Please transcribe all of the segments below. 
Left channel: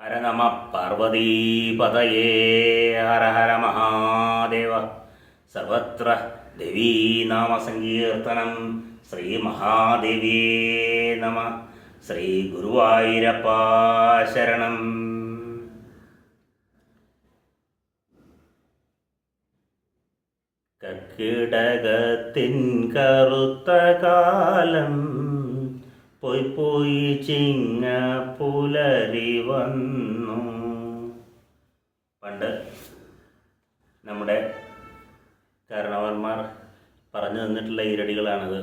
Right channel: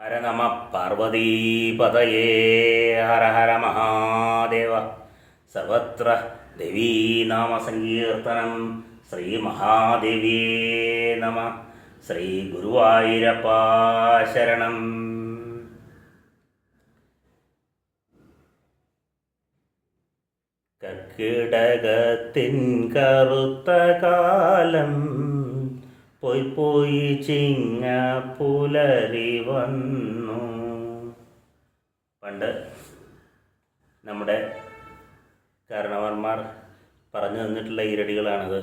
ഹര നമ പാർവതീപതയേ ഹര ഹര മഹാദേവ. സർവത്ര ദേവീനാമസങ്കീർത്തനം. ശ്രീ മഹാദേവ്യേ നമ. ശ്രീ ഗുരുവായൂരപ്പ ശരണം. കർക്കിടകത്തിൻ കറുത്ത കാലം പോയി പോയി ചിങ്ങ പുലരി വന്നു. പണ്ട് നമ്മുടെ കാരണവന്മാർ പറഞ്ഞു തന്നിട്ടുള്ള ഈരടികളാണത്.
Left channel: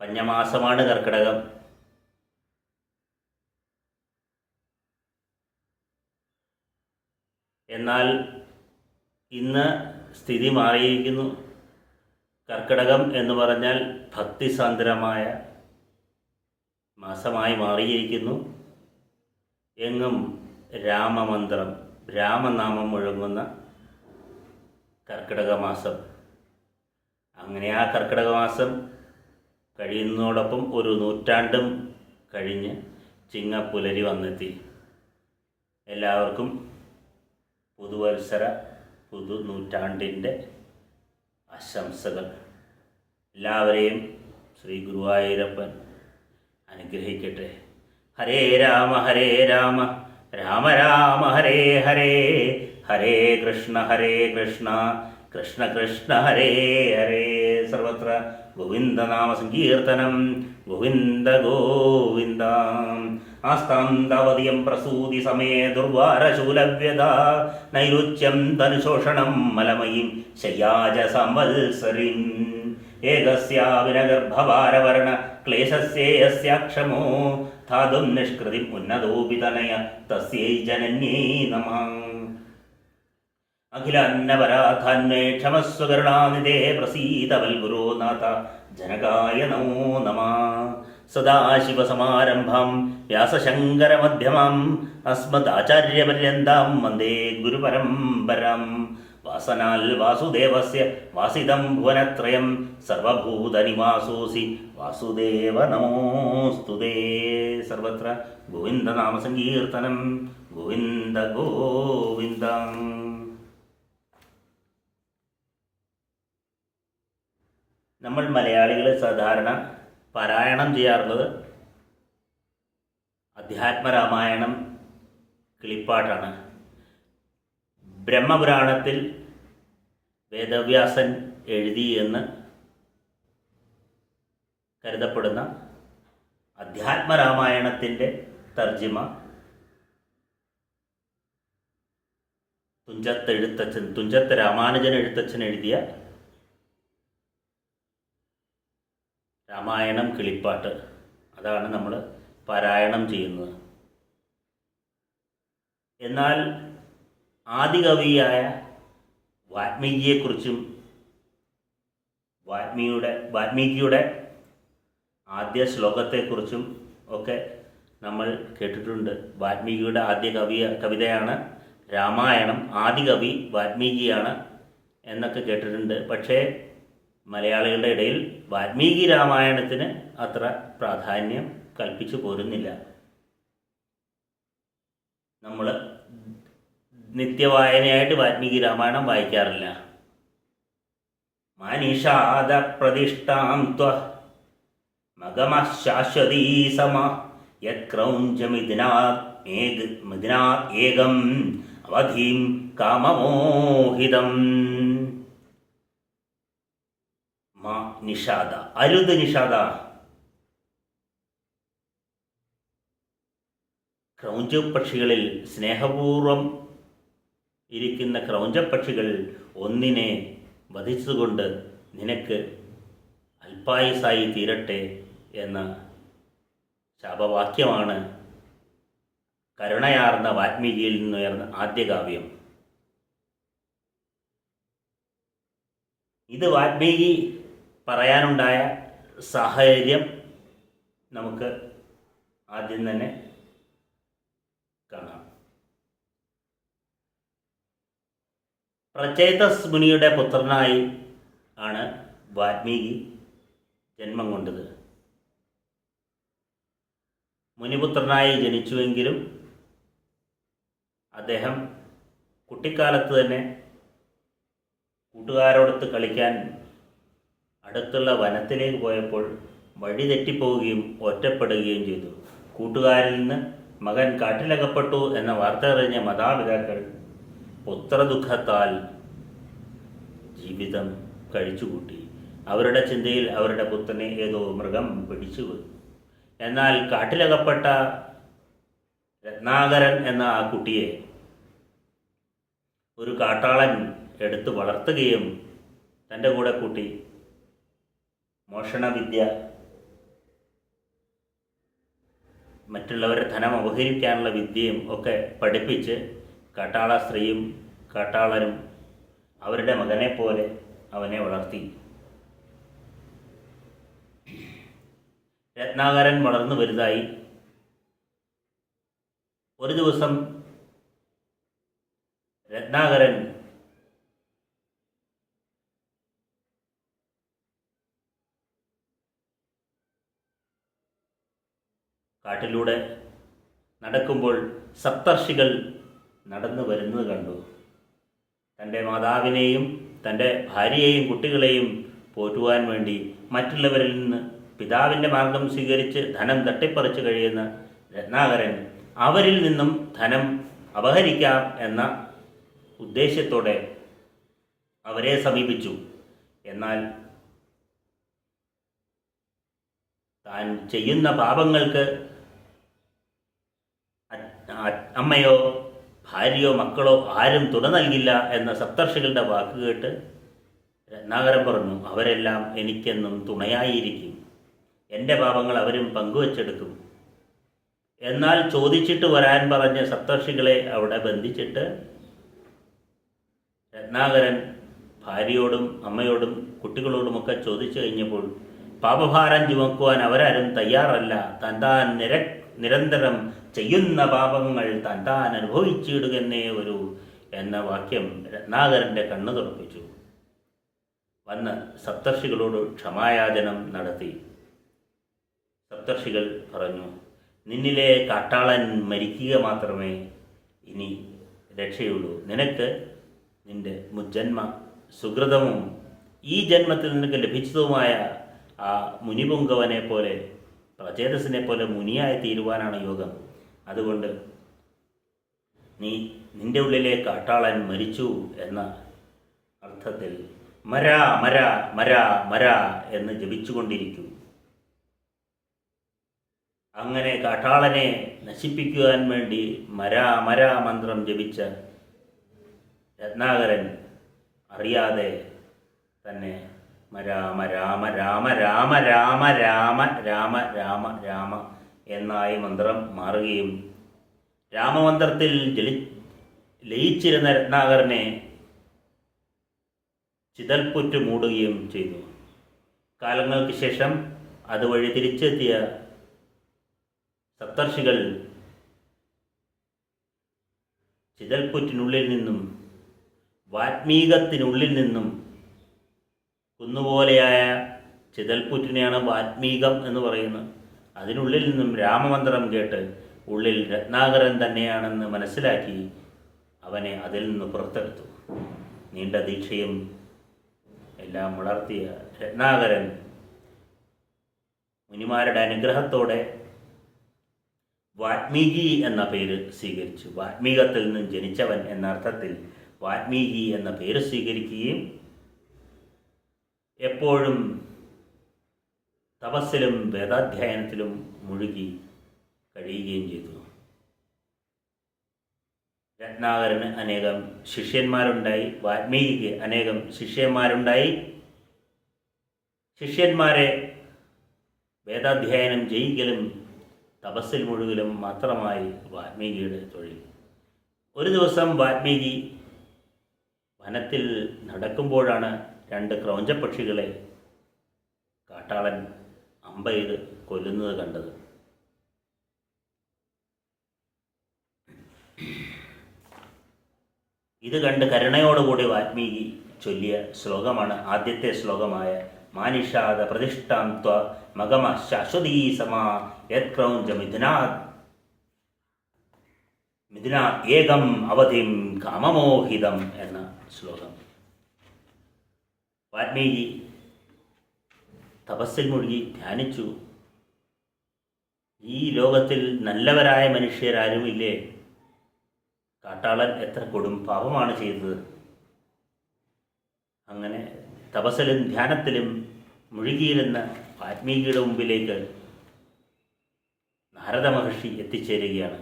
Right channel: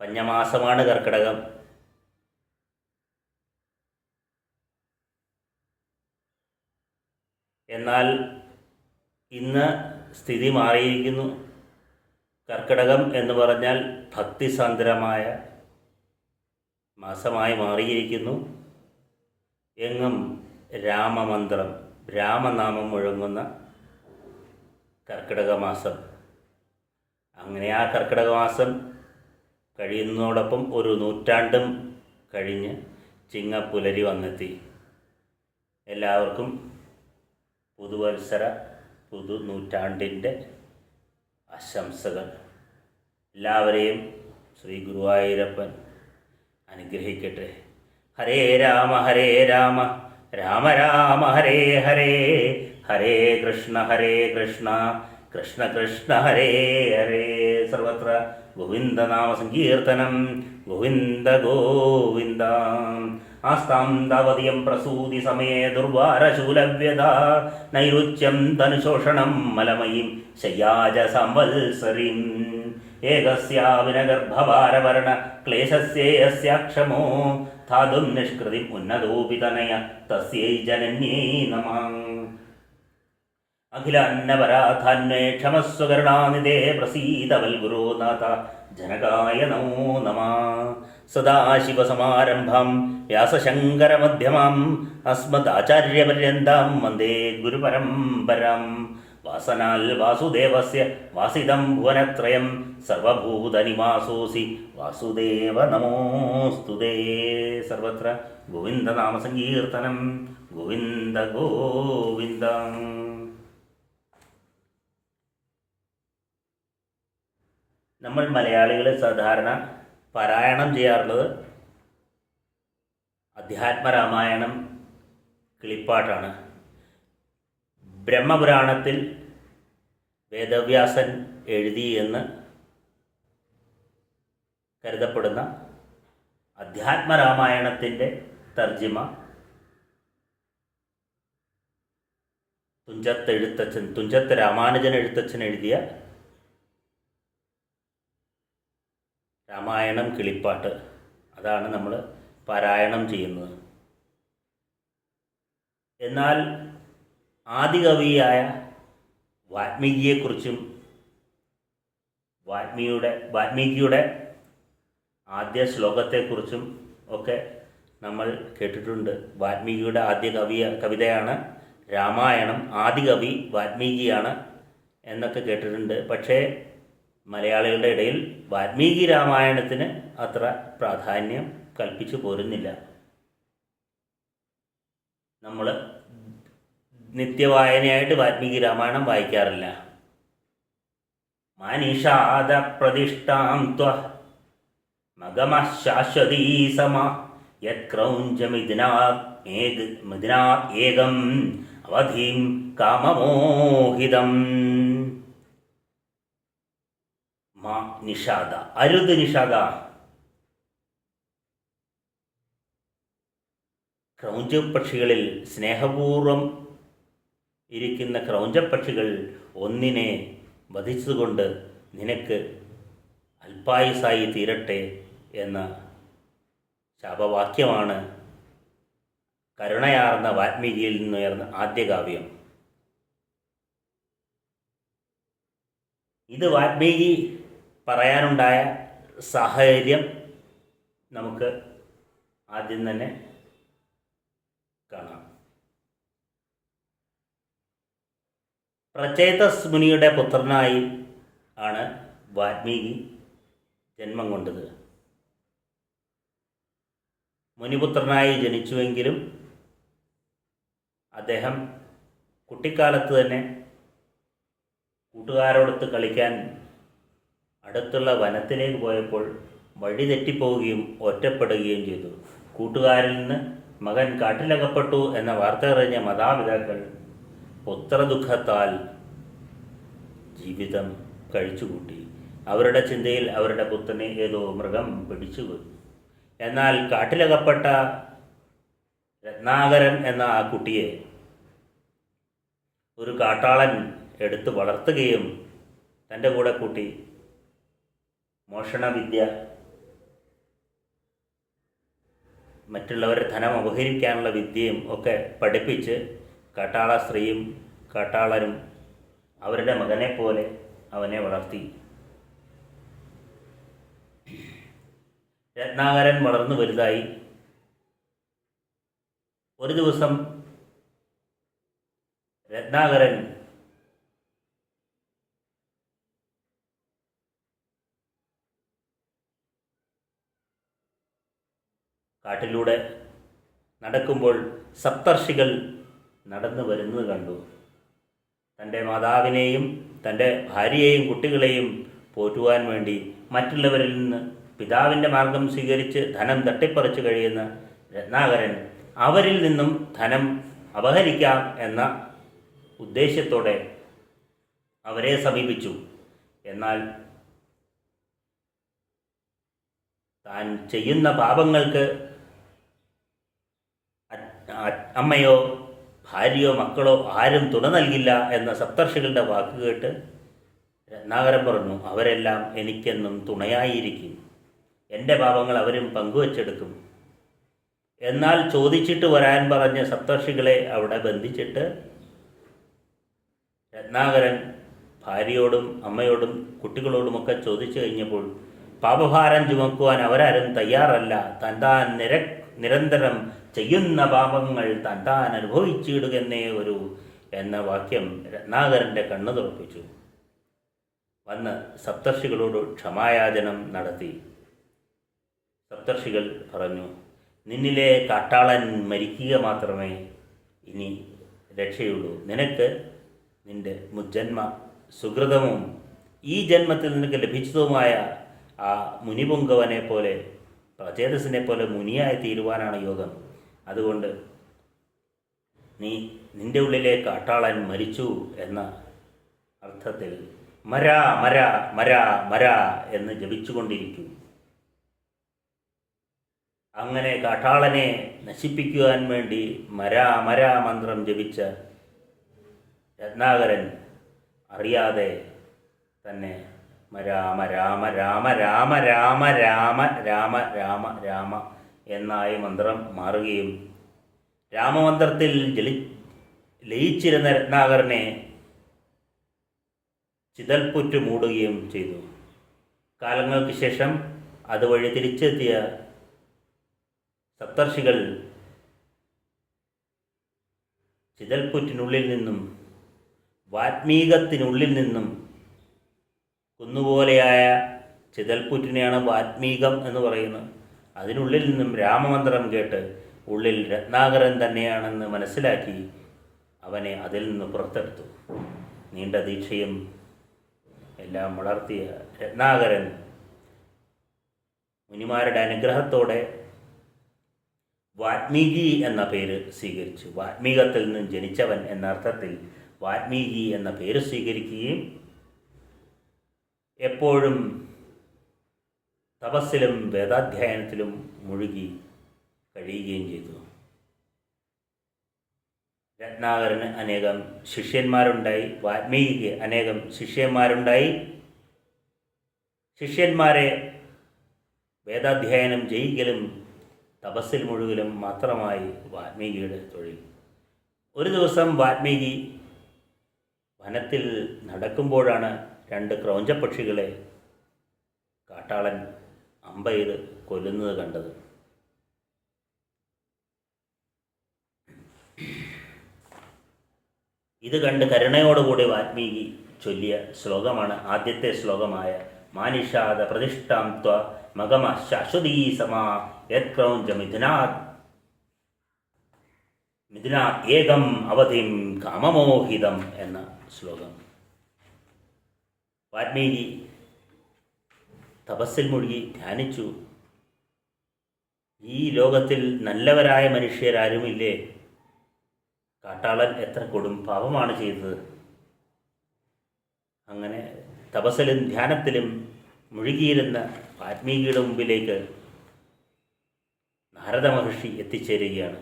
പഞ്ഞമാസമാണ് കർക്കിടകം. എന്നാൽ ഇന്ന് സ്ഥിതി മാറിയിരിക്കുന്നു. കർക്കിടകം എന്ന് പറഞ്ഞാൽ ഭക്തിസാന്ദ്രമായ മാസമായി മാറിയിരിക്കുന്നു. എങ്ങും രാമമന്ത്രം, രാമനാമം മുഴങ്ങുന്ന കർക്കിടക മാസം. അങ്ങനെ ആ കർക്കിടക മാസം കഴിയുന്നതോടൊപ്പം ഒരു നൂറ്റാണ്ടും കഴിഞ്ഞ് ചിങ്ങപ്പുലരി വന്നെത്തി. എല്ലാവർക്കും പുതുവത്സര പുതുനൂറ്റാണ്ടിൻ്റെ ആശംസകൾ. എല്ലാവരെയും ശ്രീ ഗുരുവായൂരപ്പൻ അനുഗ്രഹിക്കട്ടെ. ഹരേ രാമ രാമ രാമ ഹരേ ഹരേ, ഹരേ കൃഷ്ണ കൃഷ്ണ കൃഷ്ണ ഹരേ ഹരേ. സർവത്ര ഗോവിന്ദനാമ സങ്കീർത്തനം. ഗോവിന്ദ ഗോവിന്ദ. ആസ്താം താവതിയം പ്രസൂതി സമയേ ദുർവാരശൂലവ്യത നൈരുച്യം തനുശോഷണം മലമയീം ശയ്യാജ സംവത്സരീം. ഏകസ്യാവിനഗർഭഭാരവർണ ക്ലേശസ്യേയസ്യാക്ഷമോ ധാതും നിഷ്കൃതിം ഉന്നതോപി തനയ തസ്യൈ ജനന്യൈ നമഃ. അഖിലാന്നപരാധാന്വേ ക്ഷമസ്വകരുണാനിധേ പ്രസീത വൽഗുരോ നാഥ ജനകായ നമോ നമഃ. സദാശിവസമാരംഭം വ്യാസശങ്കരമധ്യമാം അസ്മദാചാര്യപര്യന്താം വന്ദേ ഗുരുപരമ്പരാം. വാസനാൽ വാസുദേവസ്യ വാസിതം ഭുവനത്രയം സർവഭൂതനിവാസോസി വാസുദേവ നമോസ്തുതേ. സർവത്ര ഗോവിന്ദനാമസങ്കീർത്തനം. ഗോവിന്ദ ഗോവിന്ദ. നമ്മൾ മലയാളികൾ സാധാരണ പാരായണം ചെയ്യാറുള്ളത് അധ്യാത്മരാമായണം, കിളിപ്പാട്ടാണ്. ബ്രഹ്മപുരാണത്തിൽ വേദവ്യാസൻ എഴുതി എന്ന് കരുതപ്പെടുന്ന അധ്യാത്മരാമായണത്തിൻ്റെ തർജിമ തുഞ്ചത്ത് രാമാനുജൻ എഴുത്തച്ഛൻ എഴുതിയ രാമായണം കിളിപ്പാട്ട്, അതാണ് നമ്മൾ പാരായണം ചെയ്യുന്നത്. എന്നാൽ ആദികവിയായ വാൽമീകിയെക്കുറിച്ചും വാൽമീകിയുടെ ആദ്യ ശ്ലോകത്തെക്കുറിച്ചും ഒക്കെ നമ്മൾ കേട്ടിട്ടുണ്ട്. വാൽമീകിയുടെ ആദ്യ കവിതയാണ് രാമായണം. ആദികവി വാൽമീകിയാണ് എന്നൊക്കെ കേട്ടിട്ടുണ്ട്. പക്ഷേ മലയാളികളുടെ ഇടയിൽ വാൽമീകി രാമായണത്തിന് അത്ര പ്രാധാന്യം കൽപ്പിച്ചു പോരുന്നില്ല. നമ്മൾ നിത്യവായനയായിട്ട് വാൽമീകി രാമായണം വായിക്കാറില്ല. മാനിഷാദ പ്രതിഷ്ഠാം ത്വ മഗമശാശ്വതീ സമ യത്ക്രൗഞ്ചമിദിനാ ഏകം അവധീം കാമമോഹിതം. നിഷാദ, അരുത് നിഷാദ. ക്രൗഞ്ചപക്ഷികളിൽ സ്നേഹപൂർവം ഇരിക്കുന്ന ക്രൗഞ്ചപക്ഷികൾ ഒന്നിനെ വധിച്ചുകൊണ്ട് നിനക്ക് അല്പായുസായി തീരട്ടെ എന്ന ശാപവാക്യമാണ് കരുണയാർന്ന വാൽമീകിയിൽ നിന്നുയർന്ന ആദ്യകാവ്യം. ഇത് വാൽമീകി പറയാനുണ്ടായ സാഹചര്യം നമുക്ക് ആദ്യം തന്നെ കാണാം. പ്രചേതസ് മുനിയുടെ പുത്രനായി ആണ് വാൽമീകി ജന്മം കൊണ്ടത്. മുനിപുത്രനായി ജനിച്ചുവെങ്കിലും അദ്ദേഹം കുട്ടിക്കാലത്ത് തന്നെ കൂട്ടുകാരോടൊത്ത് കളിക്കാൻ അടുത്തുള്ള വനത്തിലേക്ക് പോയപ്പോൾ വഴി തെറ്റിപ്പോവുകയും ഒറ്റപ്പെടുകയും ചെയ്തു. കൂട്ടുകാരിൽ നിന്ന് മകൻ കാട്ടിലകപ്പെട്ടു എന്ന വാർത്ത അറിഞ്ഞ മാതാപിതാക്കൾ പുത്രദുഃഖത്താൽ ജീവിതം കഴിച്ചുകൂട്ടി. അവരുടെ ചിന്തയിൽ അവരുടെ പുത്രനെ ഏതോ മൃഗം പിടിച്ചു. എന്നാൽ കാട്ടിലകപ്പെട്ട രത്നാകരൻ എന്ന ആ കുട്ടിയെ ഒരു കാട്ടാളൻ എടുത്ത് വളർത്തുകയും തൻ്റെ കൂടെ കൂട്ടി മോഷണവിദ്യ, മറ്റുള്ളവരുടെ ധനം അപഹരിക്കാനുള്ള വിദ്യയും ഒക്കെ പഠിപ്പിച്ച് കാട്ടാള സ്ത്രീയും കാട്ടാളനും അവരുടെ മകനെ പോലെ അവനെ വളർത്തി. രത്നാകരൻ വളർന്നു വലുതായി. ഒരു ദിവസം രത്നാകരൻ കാട്ടിലൂടെ നടക്കുമ്പോൾ സപ്തർഷികൾ നടന്നു വരുന്നത് കണ്ടു. തൻ്റെ മാതാവിനെയും തൻ്റെ ഭാര്യയെയും കുട്ടികളെയും പോറ്റുവാൻ വേണ്ടി മറ്റുള്ളവരിൽ നിന്ന് പിതാവിൻ്റെ മാർഗം സ്വീകരിച്ച് ധനം തട്ടിപ്പറിച്ച് കഴിയുന്ന രത്നാകരൻ അവരിൽ നിന്നും ധനം അപഹരിക്കാം എന്ന ഉദ്ദേശ്യത്തോടെ അവരെ സമീപിച്ചു. എന്നാൽ താൻ ചെയ്യുന്ന പാപങ്ങൾക്ക് അമ്മയോ ഭാര്യയോ മക്കളോ ആരും തുണ നൽകില്ല എന്ന സപ്തർഷികളുടെ വാക്ക് കേട്ട് രത്നാകരൻ പറഞ്ഞു, അവരെല്ലാം എനിക്കെന്നും തുണയായിരിക്കും, എൻ്റെ പാപങ്ങൾ അവരും പങ്കുവച്ചെടുക്കും. എന്നാൽ ചോദിച്ചിട്ട് വരാൻ പറഞ്ഞ സപ്തർഷികളെ അവിടെ ബന്ധിച്ചിട്ട് രത്നാകരൻ ഭാര്യയോടും അമ്മയോടും കുട്ടികളോടുമൊക്കെ ചോദിച്ചു കഴിഞ്ഞപ്പോൾ പാപഭാരം ചുമക്കുവാൻ അവരാരും തയ്യാറല്ല, താൻ നിരന്തരം ചെയ്യുന്ന പാപങ്ങൾ താൻ അനുഭവിച്ചിടുകന്നേ വരൂ എന്ന വാക്യം രത്നാകരൻ്റെ കണ്ണു തുറപ്പിച്ചു. വന്ന് സപ്തർഷികളോട് ക്ഷമായാചനം നടത്തി. സപ്തർഷികൾ പറഞ്ഞു, നിന്നിലെ കാട്ടാളൻ മരിക്കുക മാത്രമേ ഇനി രക്ഷയുള്ളൂ. നിനക്ക് നിന്റെ മുജ്ജന്മ സുഹൃതവും ഈ ജന്മത്തിൽ നിനക്ക് ലഭിച്ചതുമായ ആ മുനിപുങ്കവനെ പോലെ പ്രചേതസിനെ പോലെ മുനിയായി തീരുവാനാണ് യോഗം. അതുകൊണ്ട് നിന്റെ ഉള്ളിലെ കാട്ടാളൻ മരിച്ചു എന്ന അർത്ഥത്തിൽ മര മര മര മര എന്ന് ജപിച്ചുകൊണ്ടിരിക്കും. അങ്ങനെ കാട്ടാളനെ നശിപ്പിക്കുവാൻ വേണ്ടി മര മര മന്ത്രം ജപിച്ച രത്നാകരൻ അറിയാതെ തന്നെ രാമ രാമ രാമ രാമ രാമ രാമ രാമ രാമ രാമ എന്നായി മന്ത്രം മാറുകയും രാമമന്ത്രത്തിൽ ലയിച്ചിരുന്ന രത്നാകരനെ ചിതൽപ്പുറ്റ് മൂടുകയും ചെയ്തു. കാലങ്ങൾക്ക് ശേഷം അതുവഴി തിരിച്ചെത്തിയ സപ്തർഷികൾ ചിതൽപ്പുറ്റിനുള്ളിൽ നിന്നും വാത്മീകത്തിനുള്ളിൽ നിന്നും കുന്നുപോലെയായ ചിതൽപ്പുറ്റിനെയാണ് വാത്മീകം എന്ന് പറയുന്നത്. അതിനുള്ളിൽ നിന്നും രാമമന്ത്രം കേട്ട് ഉള്ളിൽ രത്നാകരൻ തന്നെയാണെന്ന് മനസ്സിലാക്കി അവനെ അതിൽ നിന്ന് പുറത്തെടുത്തു. നീണ്ട ദീക്ഷയും എല്ലാം വളർത്തിയ രത്നാകരൻ മുനിമാരുടെ അനുഗ്രഹത്തോടെ വാത്മീകി എന്ന പേര് സ്വീകരിച്ചു. വാത്മീകത്തിൽ നിന്നും ജനിച്ചവൻ എന്ന അർത്ഥത്തിൽ വാത്മീകി എന്ന പേര് സ്വീകരിക്കുകയും എപ്പോഴും തപസ്സിലും വേദാധ്യയനത്തിലും മുഴുകി കഴിയുകയും ചെയ്തു. രത്നാകരന് അനേകം ശിഷ്യന്മാരുണ്ടായി. വാൽമീകിക്ക് അനേകം ശിഷ്യന്മാരുണ്ടായി. ശിഷ്യന്മാരെ വേദാധ്യയനം ചെയ്യിക്കലും തപസ്സിൽ മുഴുകലും മാത്രമായി വാൽമീകിയുടെ തൊഴിൽ. ഒരു ദിവസം വാൽമീകി വനത്തിൽ നടക്കുമ്പോഴാണ് രണ്ട് ക്രൗഞ്ചപ്പക്ഷികളെ കാട്ടാളൻ അമ്പെയ്ത് കൊല്ലുന്നത് കണ്ടത്. ഇത് കണ്ട് കരുണയോടുകൂടി വാൽമീകി ചൊല്ലിയ ശ്ലോകമാണ് ആദ്യത്തെ ശ്ലോകമായ മാനിഷാദ പ്രതിഷ്ഠാം ത്വ മഗമ ശാശ്വതീ സമാ യത് ക്രൗഞ്ച മിഥുനാത് മിഥുന ഏകം അവധിം കാമമോഹിതം എന്ന ശ്ലോകം. വാൽമീകി തപസ്സിൽ മുഴുകി ധ്യാനിച്ചു. ഈ ലോകത്തിൽ നല്ലവരായ മനുഷ്യരാരുമില്ലേ? കാട്ടാളൻ എത്ര കൊടും പാപമാണ് ചെയ്തത്. അങ്ങനെ തപസ്സിലും ധ്യാനത്തിലും മുഴുകിയിരുന്ന വാൽമീകിയുടെ മുമ്പിലേക്ക് നാരദ മഹർഷി എത്തിച്ചേരുകയാണ്.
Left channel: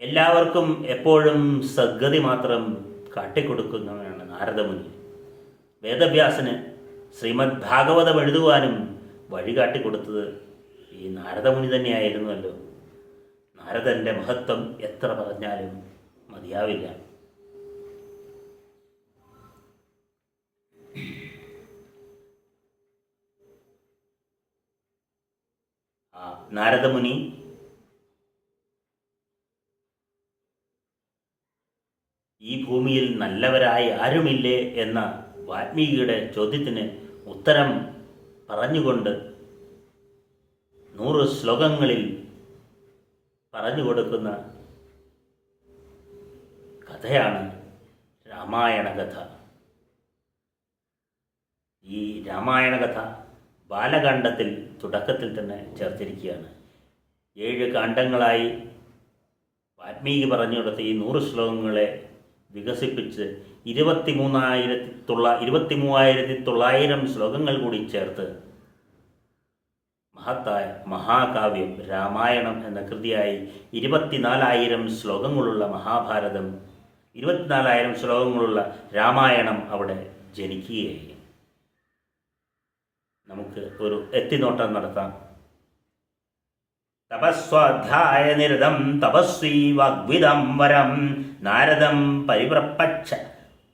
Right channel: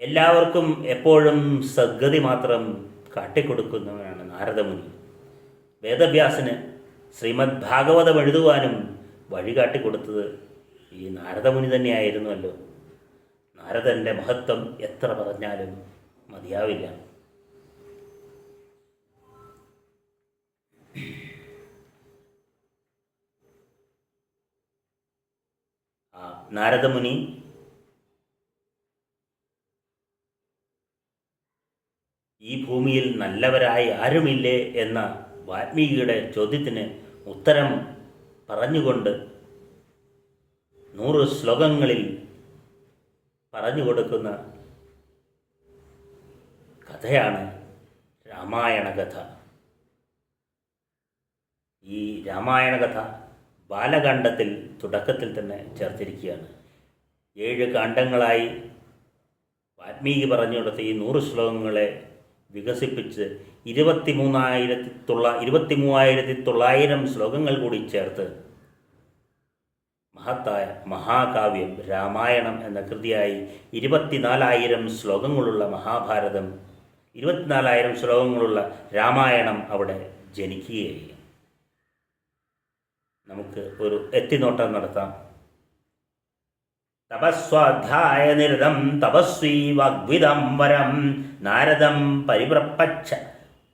എല്ലാവർക്കും എപ്പോഴും സദ്ഗതി മാത്രം കാട്ടിക്കൊടുക്കുന്നവനാണ് നാരദമുനി. വേദവ്യാസന് ശ്രീമദ് ഭാഗവതം എഴുതുവാനും വഴികാട്ടിക്കൊടുത്തത് ഈ നാരദമുനി തന്നെയായിരുന്നുവല്ലോ. നാരദൻ്റെ മഹത്വം എത്ര പറഞ്ഞാലും മതിയാവില്ല. നാരദമുനി ഈ ഭൂമിയിൽ നല്ലവരായ ആരുമില്ലേ എന്ന വാൽമീകിയുടെ ചോദ്യത്തിന് ഉത്തരം പറഞ്ഞുകൊണ്ട് 100 ശ്ലോകങ്ങളിൽ പറഞ്ഞു കൊടുക്കുന്ന കഥയാണ് രാമായണ കഥ. ഈ രാമായണ കഥ ബാലകാണ്ഡത്തിൽ തുടക്കത്തിൽ തന്നെ ചേർത്തിരിക്കുകയാണ്. 7 കാണ്ഡങ്ങളായി വാൽമീകി പറഞ്ഞു കൊടുത്ത ഈ 100 ശ്ലോകങ്ങളെ വികസിപ്പിച്ച് 23,900 ശ്ലോകങ്ങൾ കൂടി ചേർത്ത് മഹത്തായ മഹാകാവ്യം രാമായണം എന്ന കൃതിയായി 24,000 ശ്ലോകങ്ങളുള്ള മഹാഭാരതം, 24,000 ശ്ലോകങ്ങളുള്ള രാമായണം അവിടെ ജനിക്കുകയായി. നമുക്ക് ഒരു എത്തിനോട്ടം നടത്താം. തപസ്വാധ്യായ നിരതം തപസ്വീ വാഗ്വിദം വരം നാരദം പരിപ്രപ്പച്ഛ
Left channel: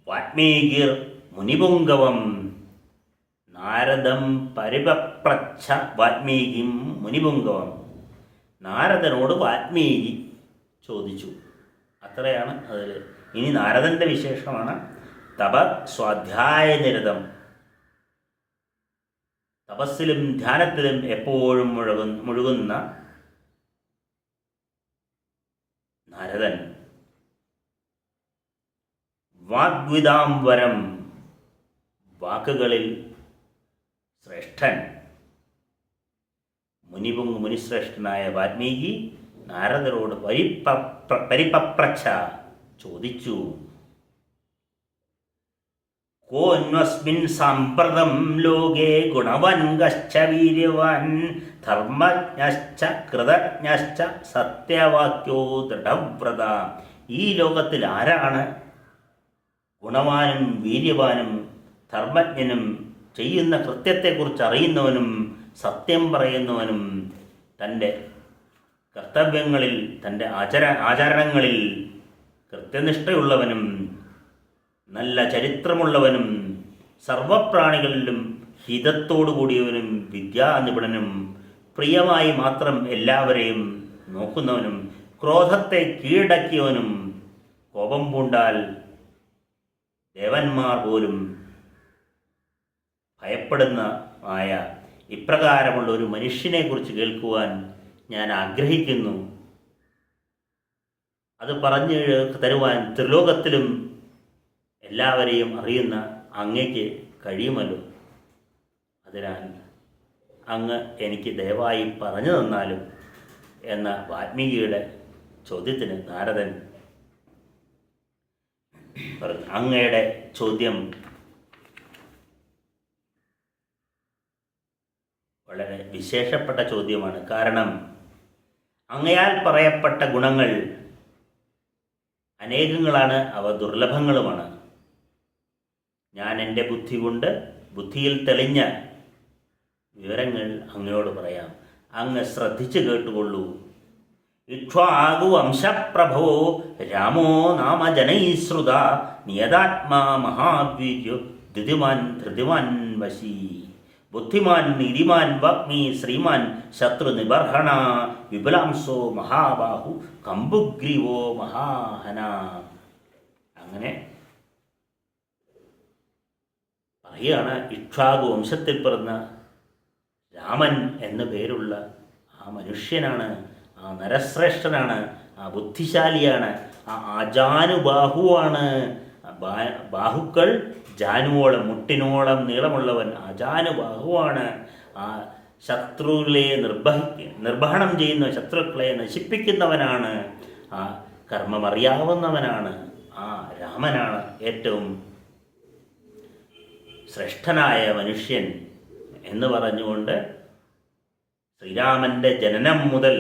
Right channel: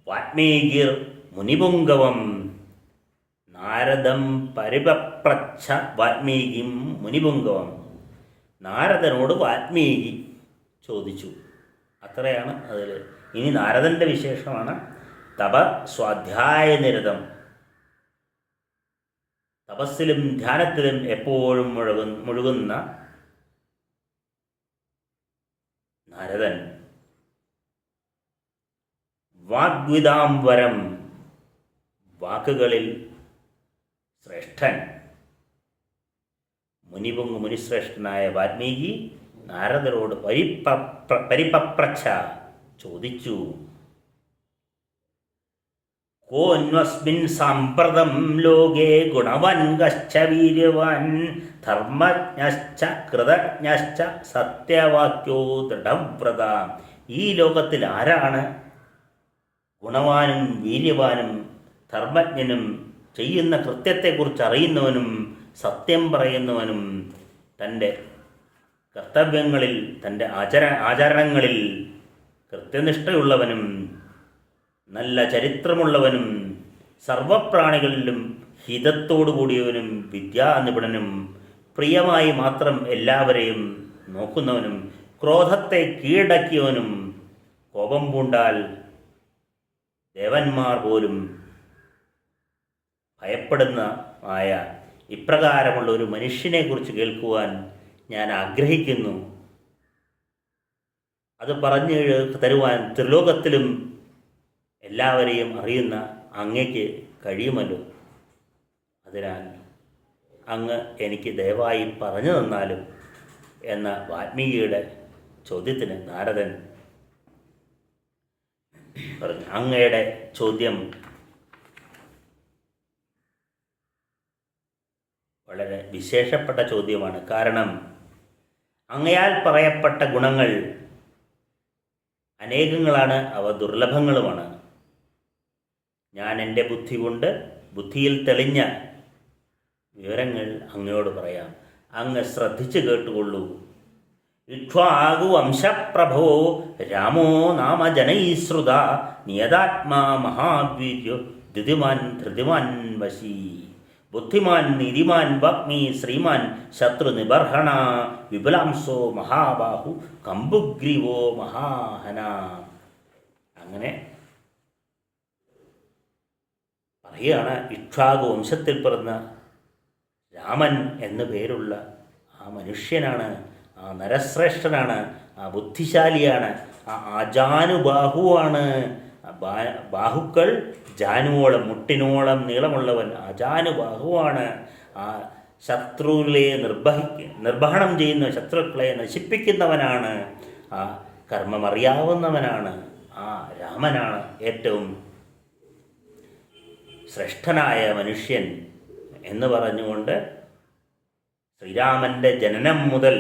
വാൽമീകിർ മുനിപുംഗവം. നാരദം പരിപ്രച്ഛ വാൽമീകിം മുനിപുംഗവം. നാരദനോട് വാൽമീകി ചോദിച്ചു. അത്രയാണ് അതിൽ. ഇനി നാരദൻ്റെ വിശേഷമാണ് തപസ്വാധ്യായ നിരതം. തപസ്സിലും ധ്യാനത്തിലും എപ്പോഴും മുഴുകുന്ന നാരദൻ. വാഗ്വിദാംബരം, വാക്കുകളിൽ ശ്രേഷ്ഠൻ. മുനിശ്രേഷ്ഠനായ വാൽമീകി നാരദരോട് പരിപപ്രച്ഛ ചോദിച്ചു. കോന്വസ്മിൻ സാമ്പ്രതം ലോകേ ഗുണവാൻ കശ്ച വീര്യവാൻ ധർമ്മജ്ഞശ്ച കൃതജ്ഞശ്ച സത്യവാക്യോ ദൃഢവ്രത. ഈ ലോകത്തിൽ ആരാണ് ഗുണവാനും വീര്യവാനും ധർമ്മജ്ഞനും ചെയ്യുന്ന കൃത്യത്തെക്കുറിച്ച് അറിയുന്നവനും സത്യം പറയുന്നവനും തൻ്റെ കർത്തവ്യങ്ങളിൽ തൻ്റെ ആചരണങ്ങളിൽ കൃത്യനിഷ്ഠയുള്ളവനും നല്ല ചരിത്രമുള്ളവനും സർവപ്രാണികളിലും ഹിതത്തോടു കൂടിയവനും വിദ്യാനിപുണനും പ്രിയമായി മാത്രം എല്ലാവരെയും നോക്കുന്നവനും ക്രോധത്തെ കീഴടക്കിയവനും കോപം പൂണ്ടാൽ ദേവന്മാർ പോലും ഭയപ്പെടുന്ന ഇപ്രകാരമുള്ള ഒരു മനുഷ്യനെക്കുറിച്ച് കേൾക്കുവാൻ ഞാൻ ആഗ്രഹിക്കുന്നു. അത് പറഞ്ഞു തരുവാൻ ത്രിലോകത്തിലും എല്ലാവരെയും അറിയുന്ന അങ്ങയ്ക്ക് കഴിയുമല്ലോ. അതിനാൽ അങ്ങ് എനിക്ക് ദയവായി പറഞ്ഞു തന്നാലും എന്ന വാൽമീകിയുടെ ചോദ്യത്തിന് നാരദൻ പറഞ്ഞു. അങ്ങയുടെ ചോദ്യം വളരെ വിശേഷപ്പെട്ട ചോദ്യമാണ്. കാരണം അങ്ങയാൽ പറയപ്പെട്ട ഗുണങ്ങൾ അനേകങ്ങളാണ്, അവ ദുർലഭങ്ങളുമാണ്. ഞാൻ എൻ്റെ ബുദ്ധി കൊണ്ട് ബുദ്ധിയിൽ തെളിഞ്ഞ വിവരങ്ങൾ അങ്ങയോട് പറയാം. അങ്ങ് ശ്രദ്ധിച്ച് കേട്ടുകൊള്ളൂ. ഇക്ഷ്വാകു വംശപ്രഭോ രാമോ നാമ ജനൈശ്രുത നിയതാത്മാ മഹാവീര്യോ ധൃതിമാൻ ധൃതിമാൻ വശീ ബുദ്ധിമാൻ നീതിമാൻ വാഗ്മി ശ്രീമാൻ ശത്രുനിബർഹണ വിപുലാംസോ മഹാബാഹു കമ്പുഗ്രീവോ മഹാഹന. അങ്ങനെ പറയുകയാണ്, ഇക്ഷ്വാകു വംശത്തിൽ പിറന്ന രാമൻ എന്നു പേരുള്ള ആ മനുഷ്യനാണ്, ആ ആ നരശ്രേഷ്ഠനാണ്, ആ ബുദ്ധിശാലിയാണ്, ആ അജാനുബാഹുവാണ്. ബാഹുക്കൾ ജാനുവോളം മുട്ടിനോളം നീളമുള്ളവൻ അജാനുബാഹുവാണ്. ആ ശത്രുവിലെ നിർവഹണം ചെയ്യുന്ന ശത്രുക്കളെ നശിപ്പിക്കുന്നവനാണ്. ആ കർമ്മമറിയാവുന്നവനാണ്. ആ രാമനാണ് ഏറ്റവും ശ്രേഷ്ഠനായ മനുഷ്യൻ എന്ന് പറഞ്ഞുകൊണ്ട് ശ്രീരാമൻ്റെ ജനനം മുതൽ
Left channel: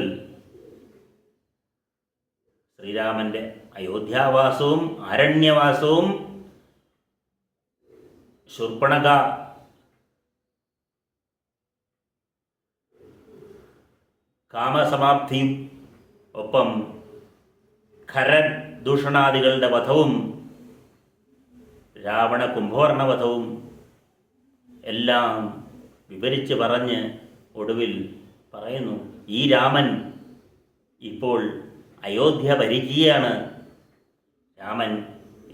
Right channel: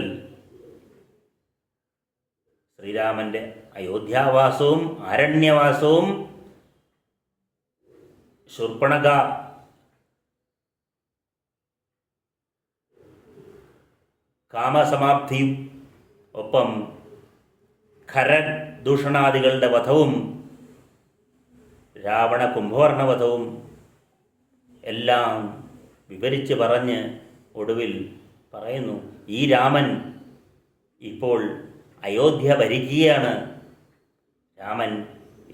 ശ്രീരാമൻ്റെ അയോധ്യാവാസവും ആരണ്യവാസവും ശൂർപ്പണഖ കാമസമാപ്തിയും ഒപ്പം ഖരൻ ദൂഷണാദികളുടെ വധവും രാവണ കുംഭകർണ വധവും എല്ലാം വിവരിച്ച് പറഞ്ഞ് ഒടുവിൽ പറയുന്നു, ഈ രാമൻ ഇപ്പോൾ അയോധ്യ ഭരിക്കുകയാണ്. രാമൻ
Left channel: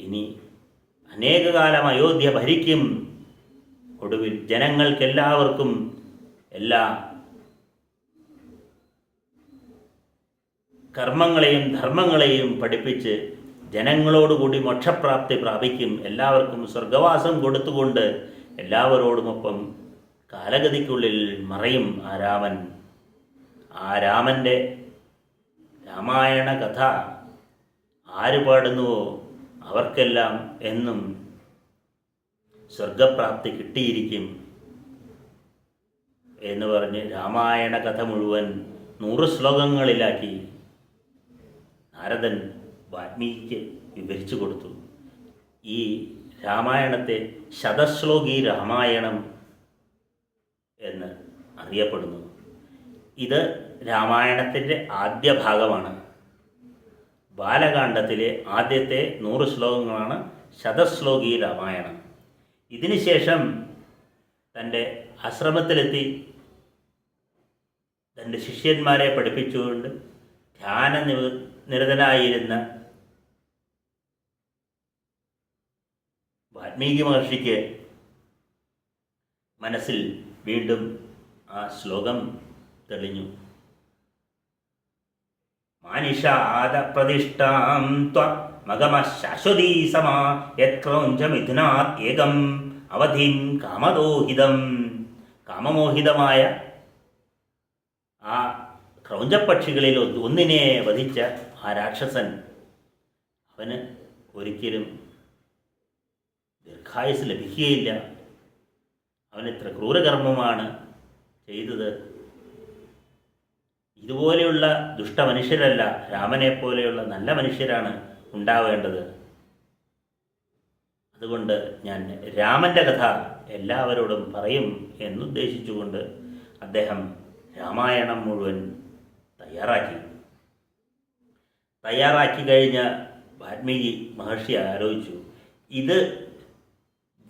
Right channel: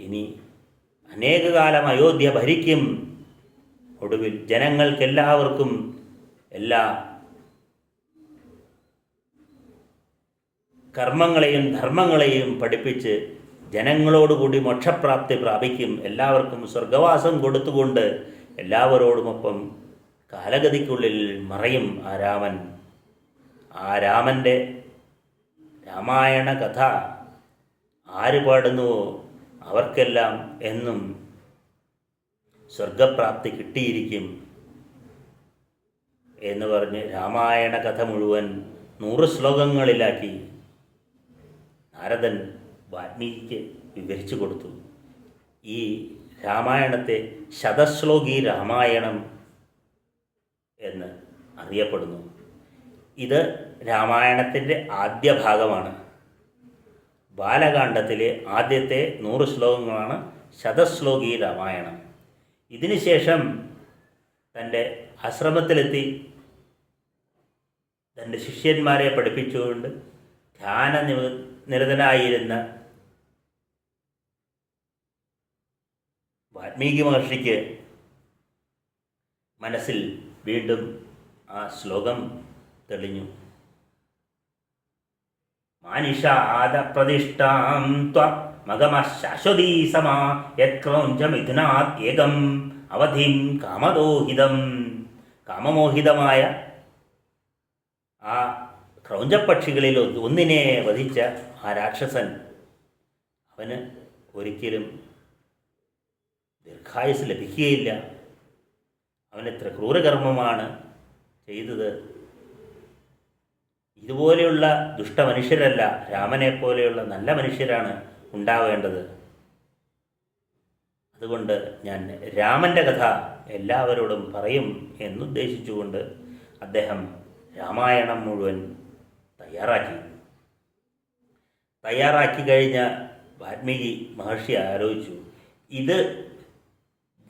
ഇനി അനേകകാലം അയോധ്യ ഭരിക്കും. ഒടുവിൽ ജനങ്ങൾക്കെല്ലാവർക്കും എല്ലാ കർമ്മങ്ങളെയും ധർമ്മങ്ങളെയും പഠിപ്പിച്ച് ജനങ്ങളോടുകൂടി മോക്ഷപ്രാപ്തി പ്രാപിക്കും. എല്ലാവർക്കും സ്വർഗവാസം കൊടുത്തുകൊണ്ട് എല്ലാവരോടുമൊപ്പം കാലഗതിക്കുള്ളിൽ മറയും ആ രാമൻ. ആ രാമൻ്റെ രാമായണ കഥ ആര് പാടുന്നുവോ അവർക്കെല്ലാം എന്നും സ്വർഗപ്രാപ്തി കിട്ടിയിരിക്കും എന്ന് പറഞ്ഞ് രാമായണ കഥ മുഴുവൻ 100 ശ്ലോകങ്ങളിലാക്കി നാരദൻ വാൽമീകിക്ക് വിവരിച്ചു കൊടുത്തു. ഈ രാമായണത്തെ ശതശ്ലോകി രാമായണം എന്ന് അറിയപ്പെടുന്നു. ഇത് രാമായണത്തിൻ്റെ ആദ്യ ഭാഗമാണ്. ബാലകാണ്ഡത്തിലെ ആദ്യത്തെ 100 ശ്ലോകങ്ങളാണ് ശതശ്ലോകി രാമായണം. ഇതിനുശേഷം തൻ്റെ ആശ്രമത്തിലെത്തി തൻ്റെ ശിഷ്യന്മാരെ പഠിപ്പിച്ചുകൊണ്ട് നിരതനായിരുന്ന വാൽമീകി മഹർഷിക്ക് മനസ്സിൽ വീണ്ടും ആ ശ്ലോകം തെളിഞ്ഞു. മാനിഷാദ പ്രതിഷ്ഠാം ത്വമഗമ ശാശ്വതീ സമ യത്ക്രൗഞ്ചമിഥുനാത് ഏകം അവധിം കാമദോഹിതം. കാമമോഹിതമായ ആ ക്രൗഞ്ചപ്പക്ഷികളിൽ ഒന്നിനെ വധിച്ച ആ രാക്ഷസൻ അവന് ഒരിക്കലും ദീർഘായുസ് ലഭിക്കുകയില്ല. അവനെത്ര ക്രൂരകർമ്മമാണ് ചെയ്തത്. ഇതുപോലെയുള്ള ദുഷ്ടമനുഷ്യരല്ല, രാമനെ പോലെയുള്ള നല്ല മനുഷ്യരാണ് ഉണ്ടാവേണ്ടത്. അതുകൊണ്ട് ഞാൻ രാമൻ്റെ കഥ എല്ലാവരോടും പറയും എന്നുദ്ദേശിച്ചുകൊണ്ട് അദ്ദേഹം രാമായണം മുഴുവൻ തയ്യാറാക്കി കഴിഞ്ഞ വാൽമീകി മഹർഷി ആലോചിച്ചു, ഇത്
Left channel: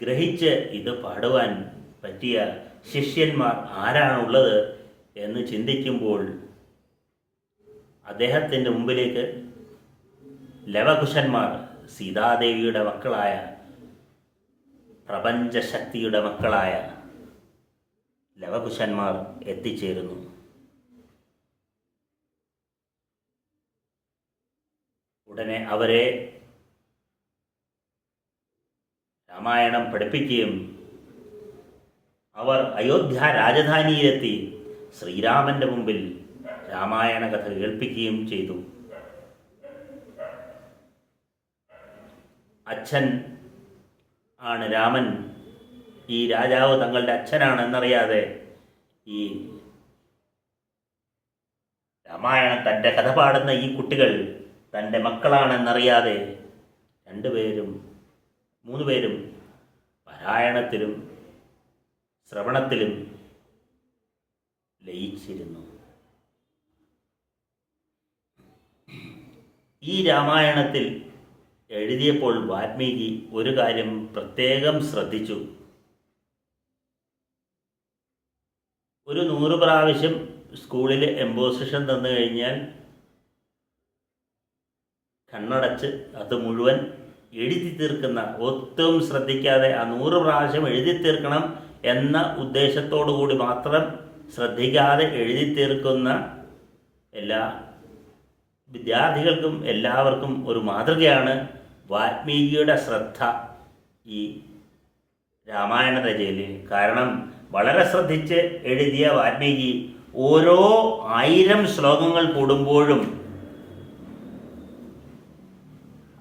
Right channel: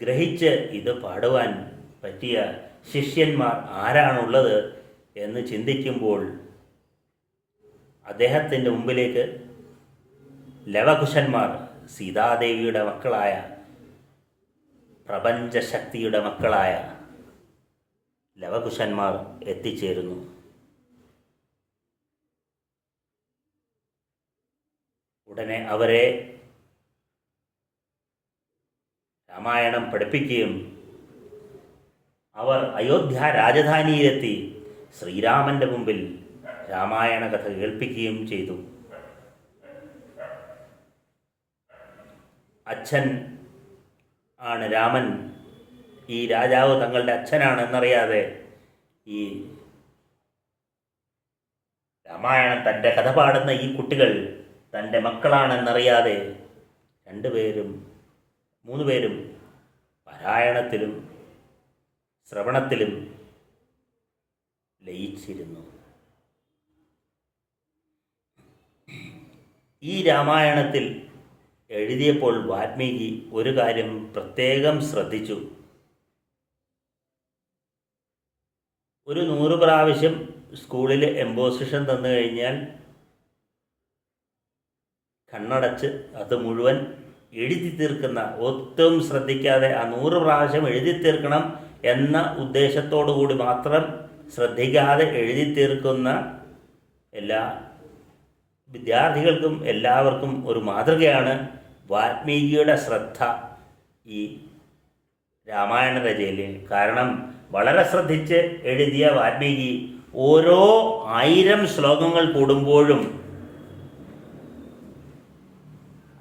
ഗ്രഹിച്ച് ഇത് പാടുവാൻ പറ്റിയ ശിഷ്യന്മാർ ആരാണുള്ളത് എന്ന് ചിന്തിക്കുമ്പോൾ അദ്ദേഹത്തിൻ്റെ മുമ്പിലേക്ക് ലവകുശന്മാർ, സീതാദേവിയുടെ മക്കളായ, പ്രപഞ്ചശക്തിയുടെ മക്കളായ ലവകുശന്മാർ എത്തിച്ചേരുന്നു. ഉടനെ അവരെ രാമായണം പഠിപ്പിക്കുകയും അവർ അയോധ്യ രാജധാനിയിലെത്തി ശ്രീരാമൻ്റെ മുമ്പിൽ രാമായണ കഥ കേൾപ്പിക്കുകയും ചെയ്തു. അച്ഛൻ ആണ് രാമൻ, ഈ രാജാവ് തങ്ങളുടെ അച്ഛനാണെന്നറിയാതെ ഈ രാമായണം തൻ്റെ കഥ പാടുന്ന ഈ കുട്ടികൾ തൻ്റെ മക്കളാണെന്നറിയാതെ 2 പേരും 3 പേരും പാരായണത്തിലും ശ്രവണത്തിലും ലയിച്ചിരുന്നു. ഈ രാമായണത്തിൽ എഴുതിയപ്പോൾ വാൽമീകി ഒരു കാര്യം പ്രത്യേകം ശ്രദ്ധിച്ചു. ഒരു 100 പ്രാവശ്യം സ്കൂളിൽ എംബോസിഷൻ തന്നു കഴിഞ്ഞാൽ കണ്ണടച്ച് അത് മുഴുവൻ എഴുതി തീർക്കുന്ന, ഒട്ടും ശ്രദ്ധിക്കാതെ ആ 100 പ്രാവശ്യം എഴുതി തീർക്കണം എന്ന ഉദ്ദേശത്തോടു കൂടി മാത്രം ശ്രദ്ധിക്കാതെ എഴുതി തീർക്കുന്ന എല്ലാ വിദ്യാർത്ഥികൾക്കും എല്ലാവർക്കും ഒരു മാതൃകയാണ് വാൽമീകിയുടെ ശ്രദ്ധ ഈ രാമായണ രചനയിൽ. കാരണം വളരെ ശ്രദ്ധിച്ച് എഴുതിയ വാൽമീകി ഓരോ 1000 ശ്ലോകങ്ങൾ കൂടുമ്പോഴും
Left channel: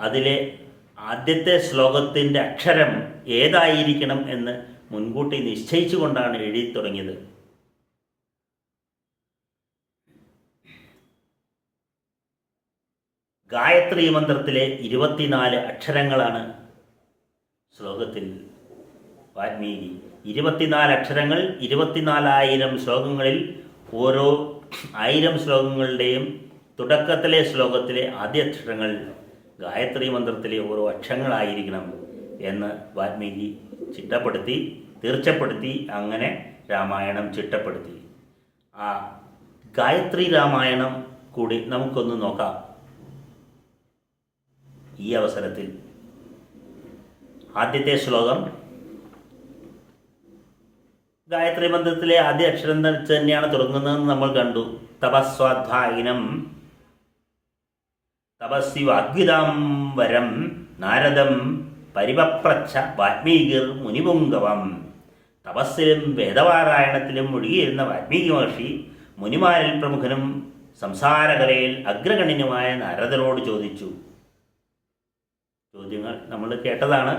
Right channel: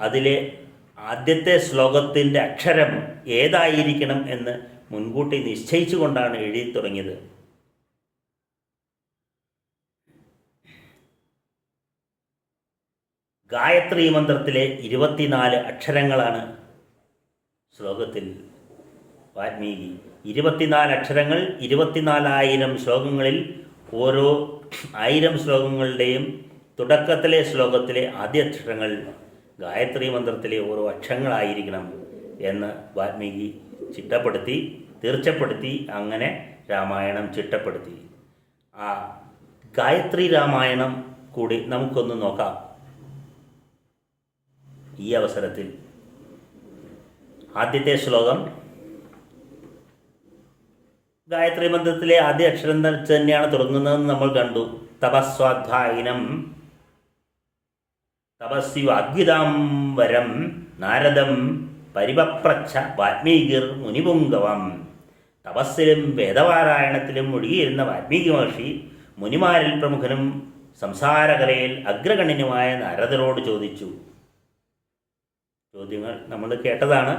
അതിലെ ആദ്യത്തെ ശ്ലോകത്തിൻ്റെ അക്ഷരം ഏതായിരിക്കണം എന്ന് മുൻകൂട്ടി നിശ്ചയിച്ചുകൊണ്ടാണ് എഴുതി തുടങ്ങിയത്. ഗായത്രി മന്ത്രത്തിലെ 24 അക്ഷരങ്ങളാണ് ശ്ലോകത്തിൽ വാൽമീകി. 24 അക്ഷരങ്ങൾ 24,000 ശ്ലോകങ്ങളിൽ ഓരോ 1000 ശ്ലോകങ്ങളുടെയും തുടക്കത്തിലെ ശ്ലോകത്തിലെ ആദ്യ അക്ഷരങ്ങൾ ഗായത്രി മന്ത്രത്തിലെ ഓരോ അക്ഷരങ്ങളായിരിക്കണം എന്ന് വാൽമീകി തീർച്ചപ്പെടുത്തി. അങ്ങനെ രാമായണം ചിട്ടപ്പെടുത്തി. ആ ഗായത്രി രാമായണം കൂടി നമുക്കൊന്ന് നോക്കാം ഈ അവസരത്തിൽ. ആദ്യത്തെ ശ്ലോകം ഗായത്രി മന്ത്രത്തിലെ ആദ്യ അക്ഷരം തന്നെയാണ് തുടങ്ങുന്നതെന്ന് നമ്മൾ കണ്ടു. തപസ്വാധ്യായനം തപസ്വാഗ്വിതാം വരം നാരദം പരിപപ്രച്ഛ വാൽമീകിർ മുനിപുങ്കവം. തപസ്സിലും വേദപാരായണത്തിലും മുഴുകിയിരുന്ന വാൽമീകി മഹർഷി മുനിമാരിൽ പ്രമുഖനും സംസാരകലയിൽ അഗ്രഗണ്യനുമായ നാരദനോട് ചോദിച്ചു. ചോദ്യങ്ങൾ നമ്മൾ കേട്ടതാണ്.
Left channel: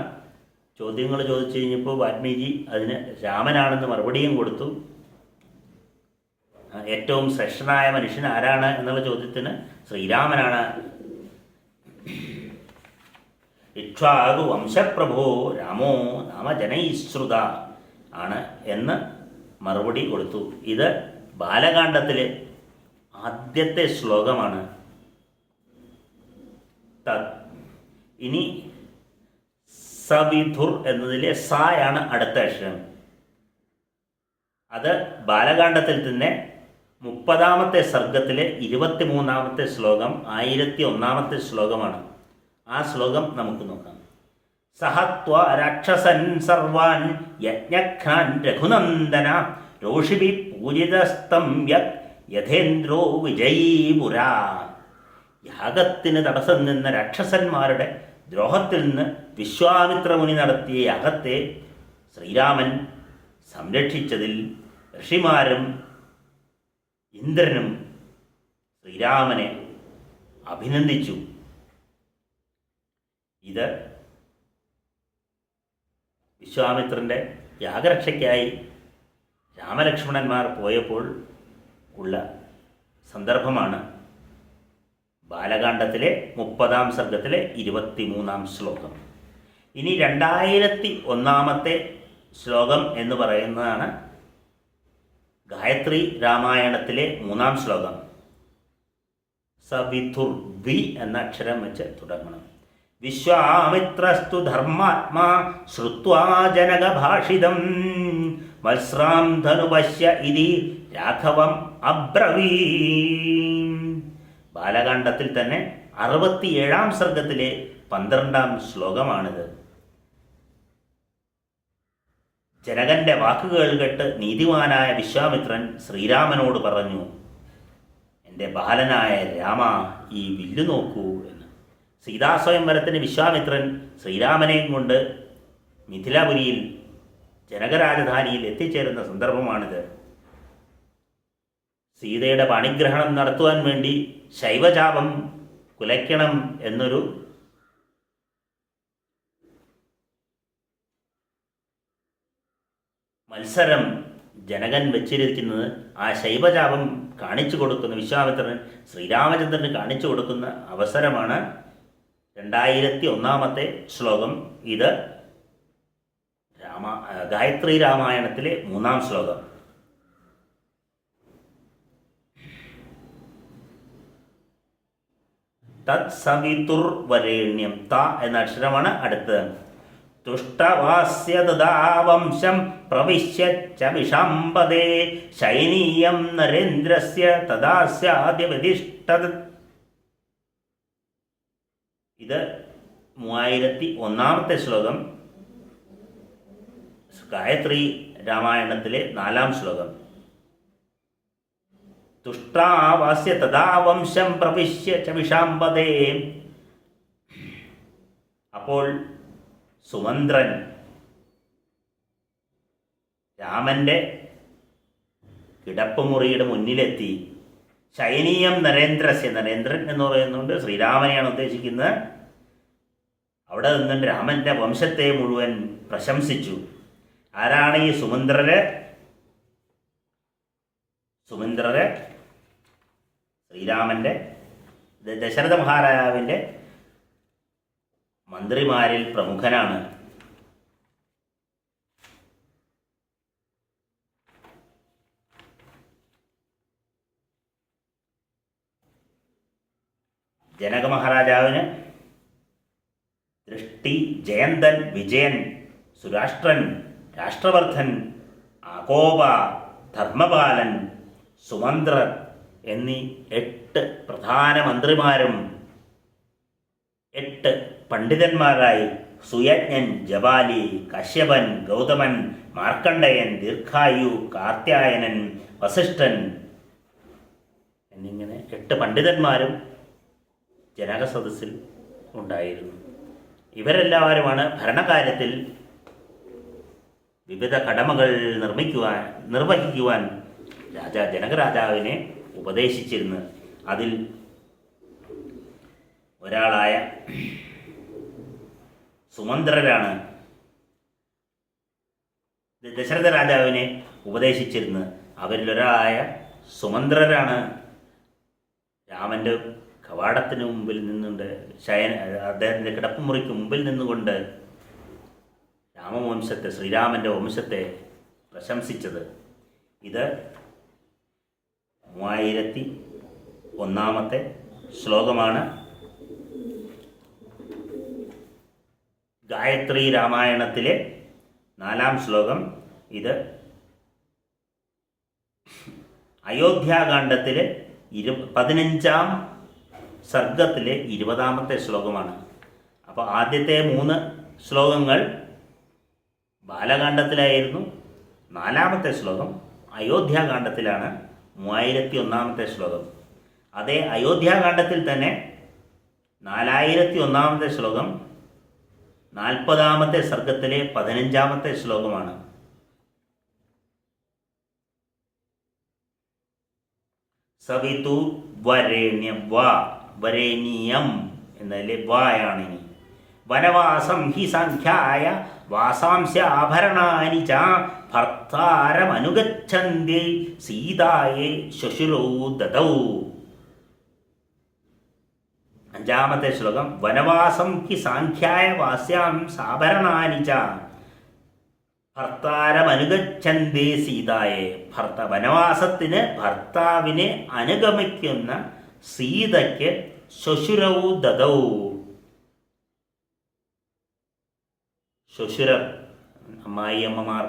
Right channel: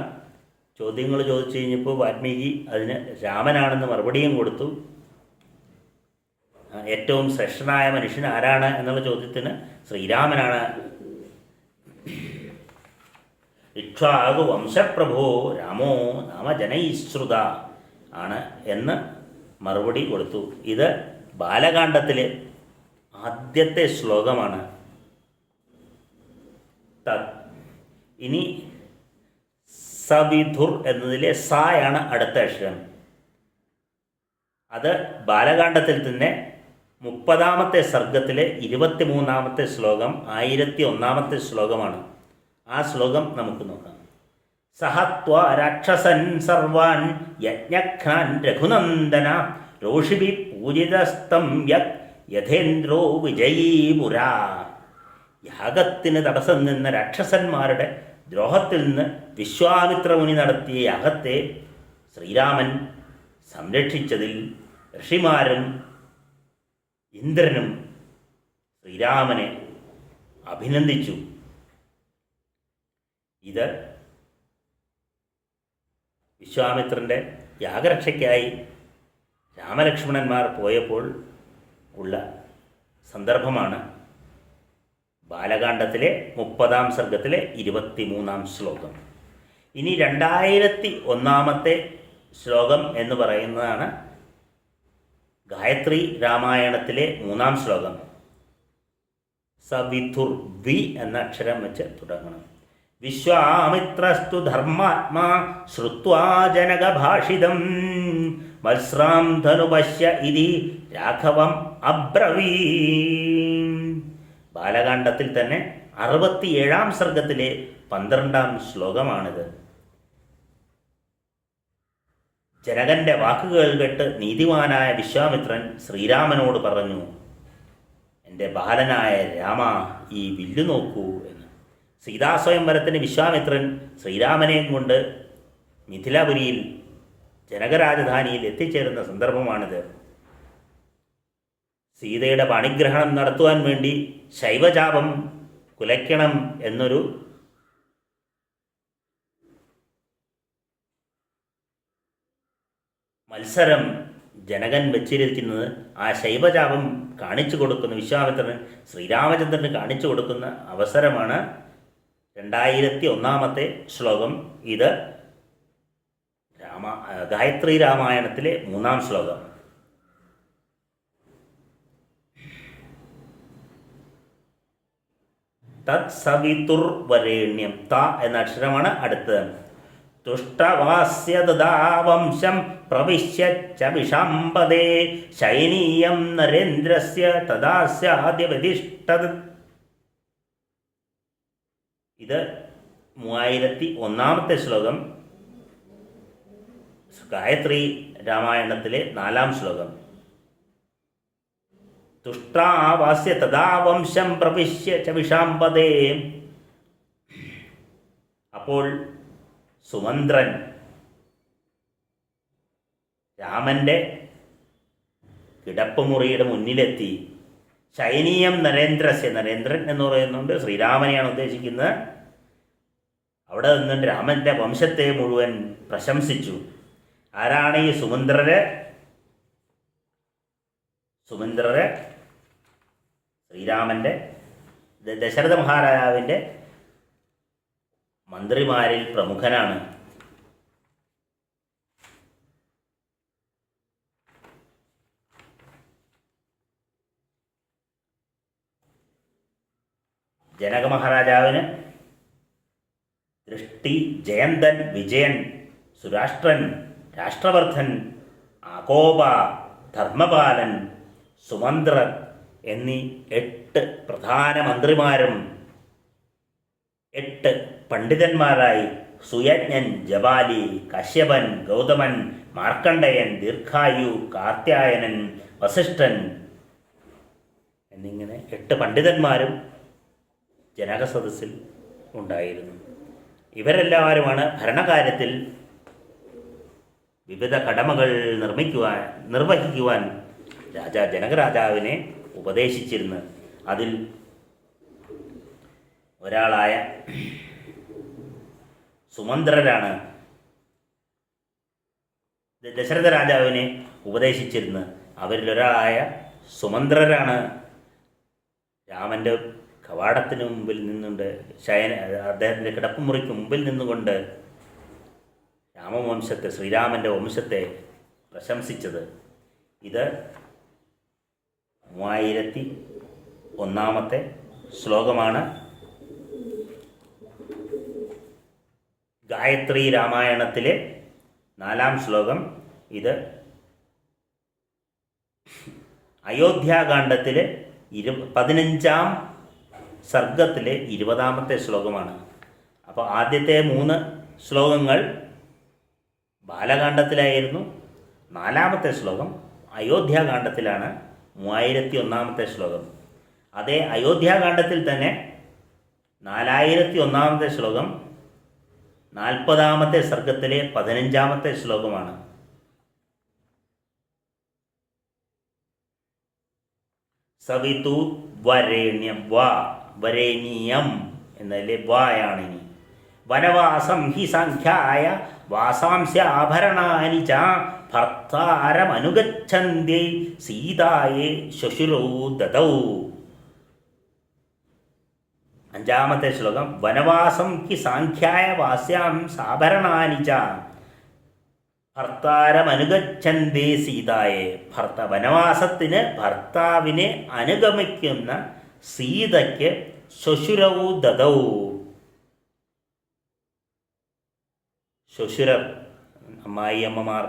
ചോദ്യങ്ങൾ ചോദിച്ചു കഴിഞ്ഞപ്പോൾ വാൽമീകി അതിന് രാമനാണെന്ന് മറുപടിയും കൊടുത്തു. ഏറ്റവും ശ്രേഷ്ഠനായ മനുഷ്യൻ ആരാണ് എന്നുള്ള ചോദ്യത്തിന് ശ്രീരാമനാണ്. ഇക്ഷ്വാകു വംശപ്രഭോ രാമോ നാമജനൈശ്രുത ആണ് എന്ന് മറുപടി കൊടുത്തു. ഇത് ബാലകാണ്ഡത്തിലെ ആദ്യത്തെ ശ്ലോകമാണ്. ഇനി സവിധുർ എന്നതിലെ സായാണ് അടുത്ത അക്ഷരം. അത് ബാലകാണ്ഡത്തിൽ തന്നെ 30ാമത്തെ സർഗത്തിലെ 23ാമത്തെ ശ്ലോകം 1001ാമത്തെ ശ്ലോകമാണ്. ആ ശ്ലോകം നമുക്ക് നോക്കാം. സഹത്വ രാക്ഷസൻ സർവാൻ യജ്ഞഘ്നാൻ രഘുനന്ദന രോഷിഭി പൂജിതസ്തം യഥേന്ദ്രോ വിജയീപുരാ. യാഗത്തിന് തടസ്സം നിന്ന രാക്ഷസന്മാരുടെ ദ്രോഹത്തിൽ നിന്ന് വിശ്വാമിത്ര മുനി നടത്തിയ യാഗത്തെ ശ്രീരാമൻ സംരക്ഷിച്ചതിൽ ഋഷിമാരും ഇന്ദ്രനും ശ്രീരാമനെ അഭിനന്ദിച്ചു. ഇത് വിശ്വാമിത്രൻ്റെ യാഗരക്ഷയ്ക്കായി രാമലക്ഷ്മണന്മാർ പോയപ്പോൾ ഉള്ള സന്ദർഭമാണ് ബാലകാണ്ഡത്തിലെ 30ാം സർഗത്തിലെ 23ാം ശ്ലോകം. ഇനി 2001ാമത്തെ ശ്ലോകം എന്ന് പറയുന്നതാണ് ഗായത്രി രാമായണത്തിലെ 3ാം ശ്ലോകം. സവിധുർ വി എന്ന അക്ഷരം വെച്ച് തുടങ്ങണം. വിശ്വാമിത്രസ്തു ധർമാത്മാ ശ്രുത്വാ ജനകഭാഷിതം വത്സ്രാം ധനുപശ്യ ഇതി രാഘവം അബ്രവീ. ബാലകാണ്ഡത്തിൽ തന്നെ 67ാം സർഗത്തിലെ 12ാം ശ്ലോകമാണിത്. ജനകന്റെ വാക്കുകൾ കേട്ട് നീതിമാനായ വിശ്വാമിത്രൻ ശ്രീരാമനോട് പറഞ്ഞു, എൻ്റെ ബാലനായ രാമ, ഈ വില്ലു നോക്കൂ എന്ന്. സീതാസ്വയംവരത്തിന് വിശ്വാമിത്രൻ ശ്രീരാമനെയും കൊണ്ട് മിഥിലാപുരിയിൽ ജനകരാജധാനിയിൽ എത്തിച്ചേരുന്ന സന്ദർഭമാണിത്. സീതയുടെ പാണിഗ്രഹണം നടത്തുവാൻ വേണ്ടി ശൈവചാപം കുലയ്ക്കണം എന്നൊരു മത്സരം ജനകൻ വെച്ചിരിക്കുന്നത്. ആ ശൈവചാപം കാണിച്ചു കൊടുക്കുന്ന വിശ്വാമിത്രൻ ശ്രീരാമചന്ദ്രന് കാണിച്ചു കൊടുക്കുന്ന അവസരമാണ് 2001ാമത്തെ ശ്ലോകം. ഇത് ഗായത്രി രാമായണത്തിലെ 3ാം ശ്ലോകം. തത് സവിതുർ വരേണ്യം. ത എന്ന അക്ഷരമാണ് അടുത്തത്. തുഷ്ടവാസ്യദാവംശം പ്രവിശ്യ വിഷാംബദേ ശൈനീയം നരേന്ദ്രസ്യ തദാസ്യാദ്യവതിഷ്ഠത്. ഇത് 3001ാമത്തെ ശ്ലോകം, ഗായത്രി രാമായണത്തിലെ 4ാം ശ്ലോകം. തുഷ്ടാവാസ്യ തഥാ വംശം പ്രവിശ്യ ച വിഷാംപദേ. അപ്പോൾ സുമന്ത്രൻ രാമൻ്റെ കിടപ്പുമുറിയുടെ മുന്നിലെത്തി. ശയനീയം നരേന്ദ്രസ്യ, നരേന്ദ്രൻ എന്ന് പറയുന്നുണ്ട്, ശ്രീരാമനെയാണ് ഉദ്ദേശിക്കുന്നത്. അവിടെ നിന്നുകൊണ്ട് രാമൻ്റെ വംശത്തെ മുഴുവൻ പ്രശംസിച്ചു. ആരാണ് ഈ സുമന്ത്രര്? സുമന്ത്രര് ശ്രീരാമൻ്റെ, ദശരഥ മഹാരാജാവിൻ്റെ മന്ത്രിമാരിൽ പ്രമുഖനാണ്. ജനക മഹാരാജാവിന് ദൃഷ്ടി, ജയന്തൻ, വിജയൻ, സുരാഷ്ട്രൻ, രാഷ്ട്രവർദ്ധൻ, ആകോപ, ധർമ്മപാലൻ, സുമന്ത്രൻ എന്നീ 8 പ്രധാന മന്ത്രിമാരും 8 പണ്ഡിതന്മാരായി സുയജ്ഞൻ, ജപാലി, കശ്യപൻ, ഗൗതമൻ, മാർക്കണ്ഡയൻ, ദീർഘായു, കാർത്യായനൻ, വസിഷ്ഠൻ എന്നിങ്ങനെ 8 പണ്ഡിതന്മാരും ജനക സദസ്സിൽ ഉണ്ടായിരുന്നു. ഇവരെല്ലാവരുമാണ് ഭരണകാര്യത്തിൽ വിവിധ കടമകൾ നിർവഹിക്കുവാൻ ജനകരാജാവിനെ ഉപദേശിച്ചിരുന്നു. അതിൽ ഒരാളായ സുമന്ത്രരാണ് ദശരഥ രാജാവിനെ ഉപദേശിച്ചിരുന്നത്. അവരിലൊരാളായ സുമന്ത്രരാണ് രാമൻ്റെ കവാടത്തിന് മുമ്പിൽ നിന്നുകൊണ്ട് അദ്ദേഹത്തിൻ്റെ കിടപ്പുമുറിക്ക് മുമ്പിൽ നിന്നുകൊണ്ട് രാമവംശത്തെ, ശ്രീരാമൻ്റെ വംശത്തെ പ്രശംസിച്ചത്. ഇത് 3001 ശ്ലോകമാണ്. ഗായത്രി രാമായണത്തിലെ 4-ാം ശ്ലോകം. ഇത് അയോധ്യാകാന്ഡത്തിലെ 15-ാം സർഗത്തിലെ 20-ാമത്തെ ശ്ലോകമാണ്. അപ്പോൾ ആദ്യത്തെ 3 ശ്ലോകങ്ങൾ ബാലകാന്ഡത്തിലായിരുന്നു. 4-ാമത്തെ ശ്ലോകം അയോധ്യാകാന്ഡത്തിലാണ്, 3001-ാമത്തെ ശ്ലോകം. അതേ അയോധ്യാകാന്ഡത്തിൽ തന്നെ 4001-ാമത്തെ ശ്ലോകം 40-ാമത്തെ സർഗത്തിലെ 15-ാമത്തെ ശ്ലോകമാണ്. സവിതു വരേണ്യം, വരേണ്യം എന്നതിലെ വായാണിനി. വനവാസം ഹി സംഖ്യായ വാസാംസ്യ ആഭരണാനി ച ഭർത്താരമനുഗച്ഛന്തി സീതായേ ശ്വശുരൗ ദദൗ. 5-ാമത്തെ ശ്ലോകം വനവാസം ഹി സാഖ്യായ വാസ്യാം സാഭരണാനി ച ഭർത്താരമനുഗച്ഛന്തി സീതായെ. വനവാസത്തിന് ഭർത്താവിനെ അനുഗമിക്കുന്ന സീതയ്ക്ക് ശ്വശുരൗ ദദൗ. ശ്വശുരർ അമ്മായിയമ്മമാർ.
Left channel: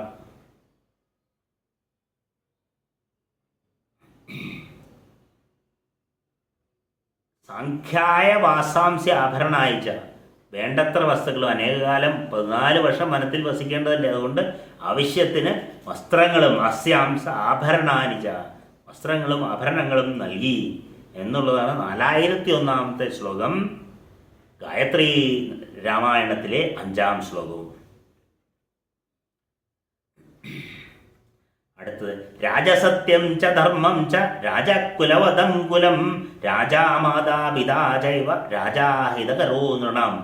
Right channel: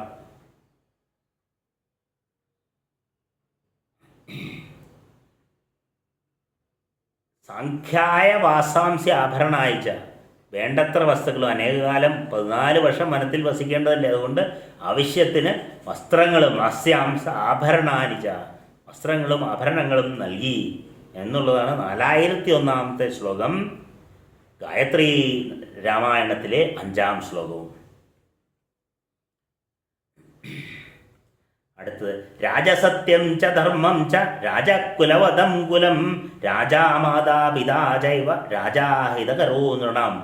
സാഖ്യായ വാസാംസ്യ ആഭരണായിച്ച, വേണ്ടത്ര വസ്തുക്കളും, അനേകകാലം 14 വർഷം വനത്തിൽ വസിക്കേണ്ടതല്ലേ, അതുകൊണ്ട് ആവശ്യത്തിന് വസ്ത്രങ്ങളും അസ്യാംസ ആഭരണാനിച്ച, വസ്ത്രങ്ങളും ആഭരണങ്ങളും നൽകി എന്നുള്ളതാണ് 4001-ാമത്തെ ശ്ലോകം ഗായത്രി രാമായണത്തിലെ 5-ാം ശ്ലോകവും. അടുത്തത് രാജസത്യം ച ധർമ്മം ച രാജകുലവദം കുലം രാജാമാതാപിതാ ചൈവ രാജാഹിതകരോ നൃണാം.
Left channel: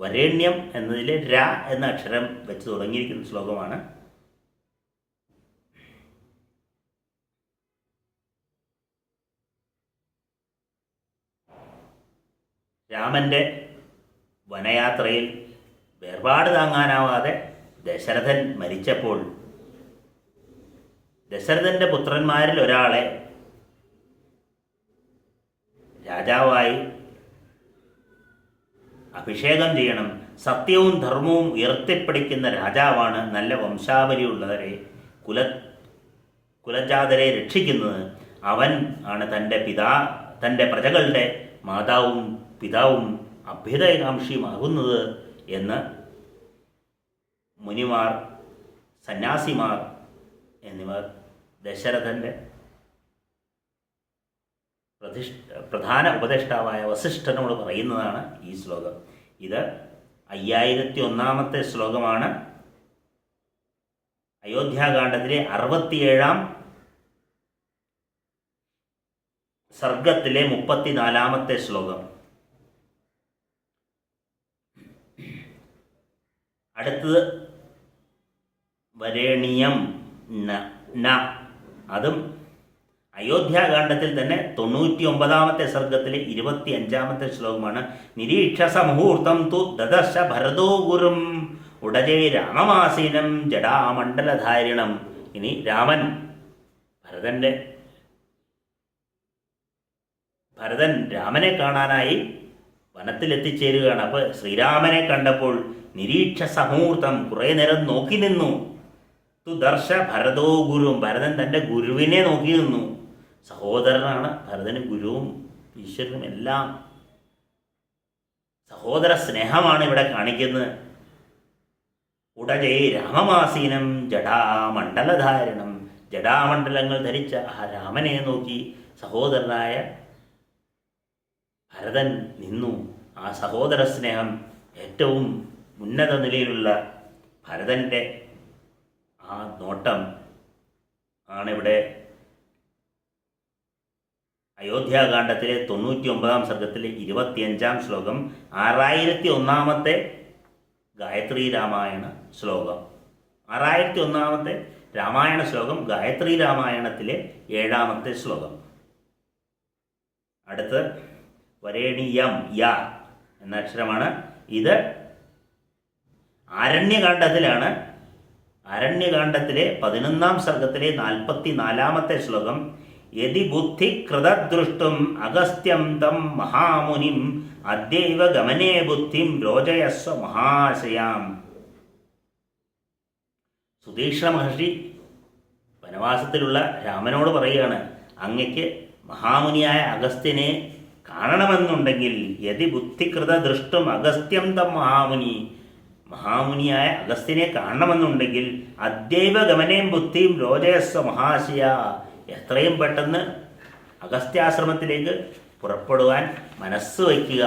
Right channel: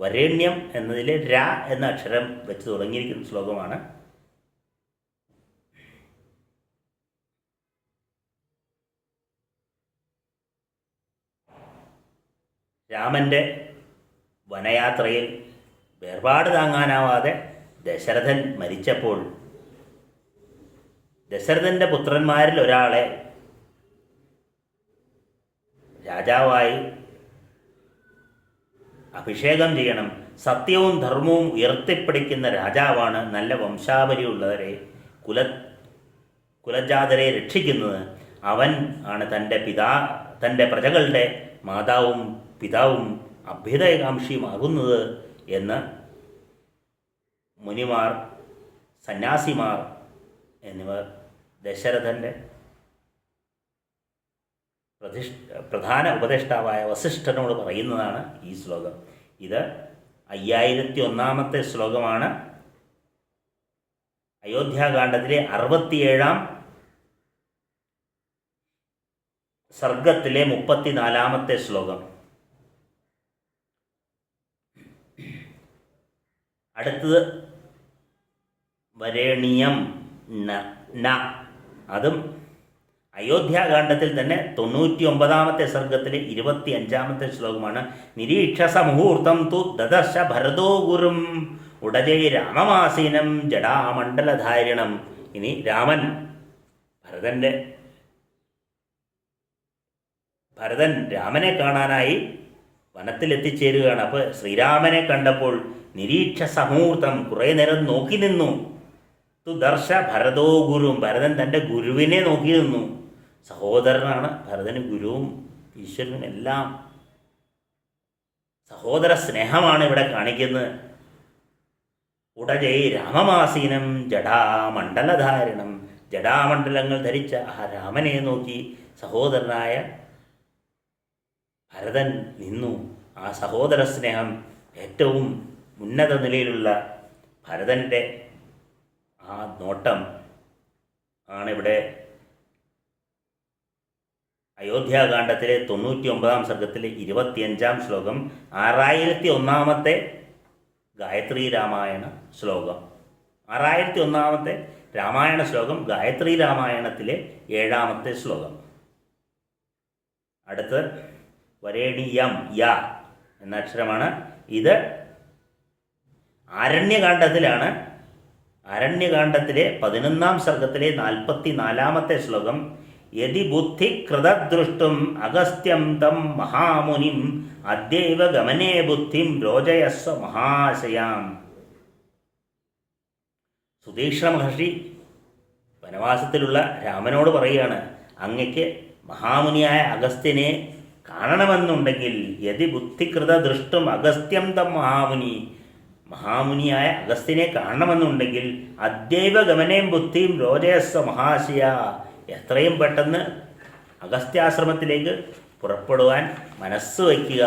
വരേണ്യം എന്നതിലെ ര എന്ന അക്ഷരം വെച്ച് തുടങ്ങിയിരിക്കുന്ന ശ്ലോകമാണ്. രാമൻ്റെ വനയാത്രയിൽ വേർപാട് താങ്ങാനാവാതെ ദശരഥൻ മരിച്ചപ്പോൾ ദശരഥൻ്റെ പുത്രന്മാരിൽ ഒരാളെ രാജാവായി അഭിഷേകം ചെയ്യണം. സത്യവും ധർമ്മവും ഉയർത്തിപ്പിടിക്കുന്ന രാജാവാണ് നല്ല വംശാവലിയുള്ളവരെ, കുലജാതരെ രക്ഷിക്കുന്നത്. അവൻ ആണ് തൻ്റെ പ്രജകളുടെ മാതാവും പിതാവും അഭ്യുദയകാംക്ഷിയുമാകുന്നത് എന്ന് മുനിമാർ, സന്യാസിമാർ എന്നിവർ ദശരഥൻ്റെ പ്രധാന ഉപദേഷ്ടാവായ വസിഷ്ഠനോട് പറയുന്നതാണ് ഈ ശ്ലോകം. ഇത് 5001 ശ്ലോകമാണ്. അയോധ്യാകാന്ഡത്തിലെ 67 സർഗത്തിലെ 34 ശ്ലോകം. അടുത്തത് വരേണിയം ന, അതും അയോധ്യാകാന്ഡത്തിൽ തന്നെ 99 സർഗത്തിലെ 25 ശ്ലോകമാണ്. നിരീക്ഷസ മുഹൂർത്തം തു ദദർശ ഭരതോ ഗുരും ഉടജേ രാമമാസീനം ജടാമണ്ഡലധാരിണം. ഇനി രാമൻ ഭരതൻ രാമനെ കാണാനായി വനത്തിലെത്തിച്ചേരുകയാണ്. അപ്പോൾ ശ്രീരാമനെ കണ്ടപ്പോൾ നിരീക്ഷസ മുഹൂർത്തം, കുറേ നേരം നോക്കി നിന്നു. തു ദർശ ഭരതോ ഗുരും, ഭരതൻ തൻ്റെ ഗുരുവിനെ നോക്കി നിന്നു. സഹോദരനാണ് ഭരതന് ഗുരുവും ഈശ്വരനും എല്ലാം. സഹോദര സ്നേഹമാണ് ഇവിടെ കാണിക്കുന്നത്. ഉടജേ രാമമാസീനം ജടാമണ്ഡലധാരണം, ജടാമണ്ഡലങ്ങൾ ധരിച്ച ആ രാമനെ നോക്കി സഹോദരനായ ഭരതൻ നിന്നു. ആ സഹോദര സ്നേഹം ഏറ്റവും ഉന്നത നിലയിലുള്ള ഭരതൻ്റെ ആ നോട്ടം ആണിവിടെ അയോധ്യാകാന്ഡത്തിലെ 99 സർഗത്തിലെ 25 ശ്ലോകം, 6001 ഗായത്രി രാമായണ ശ്ലോകം. 6001 രാമായണ ശ്ലോകം ഗായത്രി രാമായണത്തിലെ 7 ശ്ലോകം. അടുത്ത് വരേണിയം യ എന്ന അക്ഷരമാണ്. ഇത് ആരണ്യകാന്ഡത്തിലാണ്. ആരണ്യകാന്ഡത്തിലെ 11 സർഗത്തിലെ 44 ശ്ലോകം. യദി ബുദ്ധി കൃതദൃഷ്ടും അഗസ്ത്യം തം മഹാമുനിം അദ്യൈവ ഗമനേ ബുദ്ധിം രോചയസ്വ മഹാശയാം. സുതീക്ഷ്ണ മഹർഷി വനവാസത്തിലുള്ള രാമനോട് പറയുകയാണ്, അങ്ങയ്ക്ക് മഹാമുനിയായ അഗസ്ത്യനെ കാണണമെന്നുണ്ടെങ്കിൽ യദി ബുദ്ധികൃത ദൃഷ്ടും അഗസ്ത്യം തം മഹാമുനിയായ അഗസ്ത്യനെ കാണണമെന്നുണ്ടെങ്കിൽ അദ്യൈവ ഗമനേം ബുദ്ധിം രോചയസ്വ മഹാശയ, എത്രയും പെട്ടെന്ന് അഗസ്ത്യാശ്രമത്തിലേക്ക് പുറപ്പെടുവാൻ മനസ്സ് വയ്ക്കുക.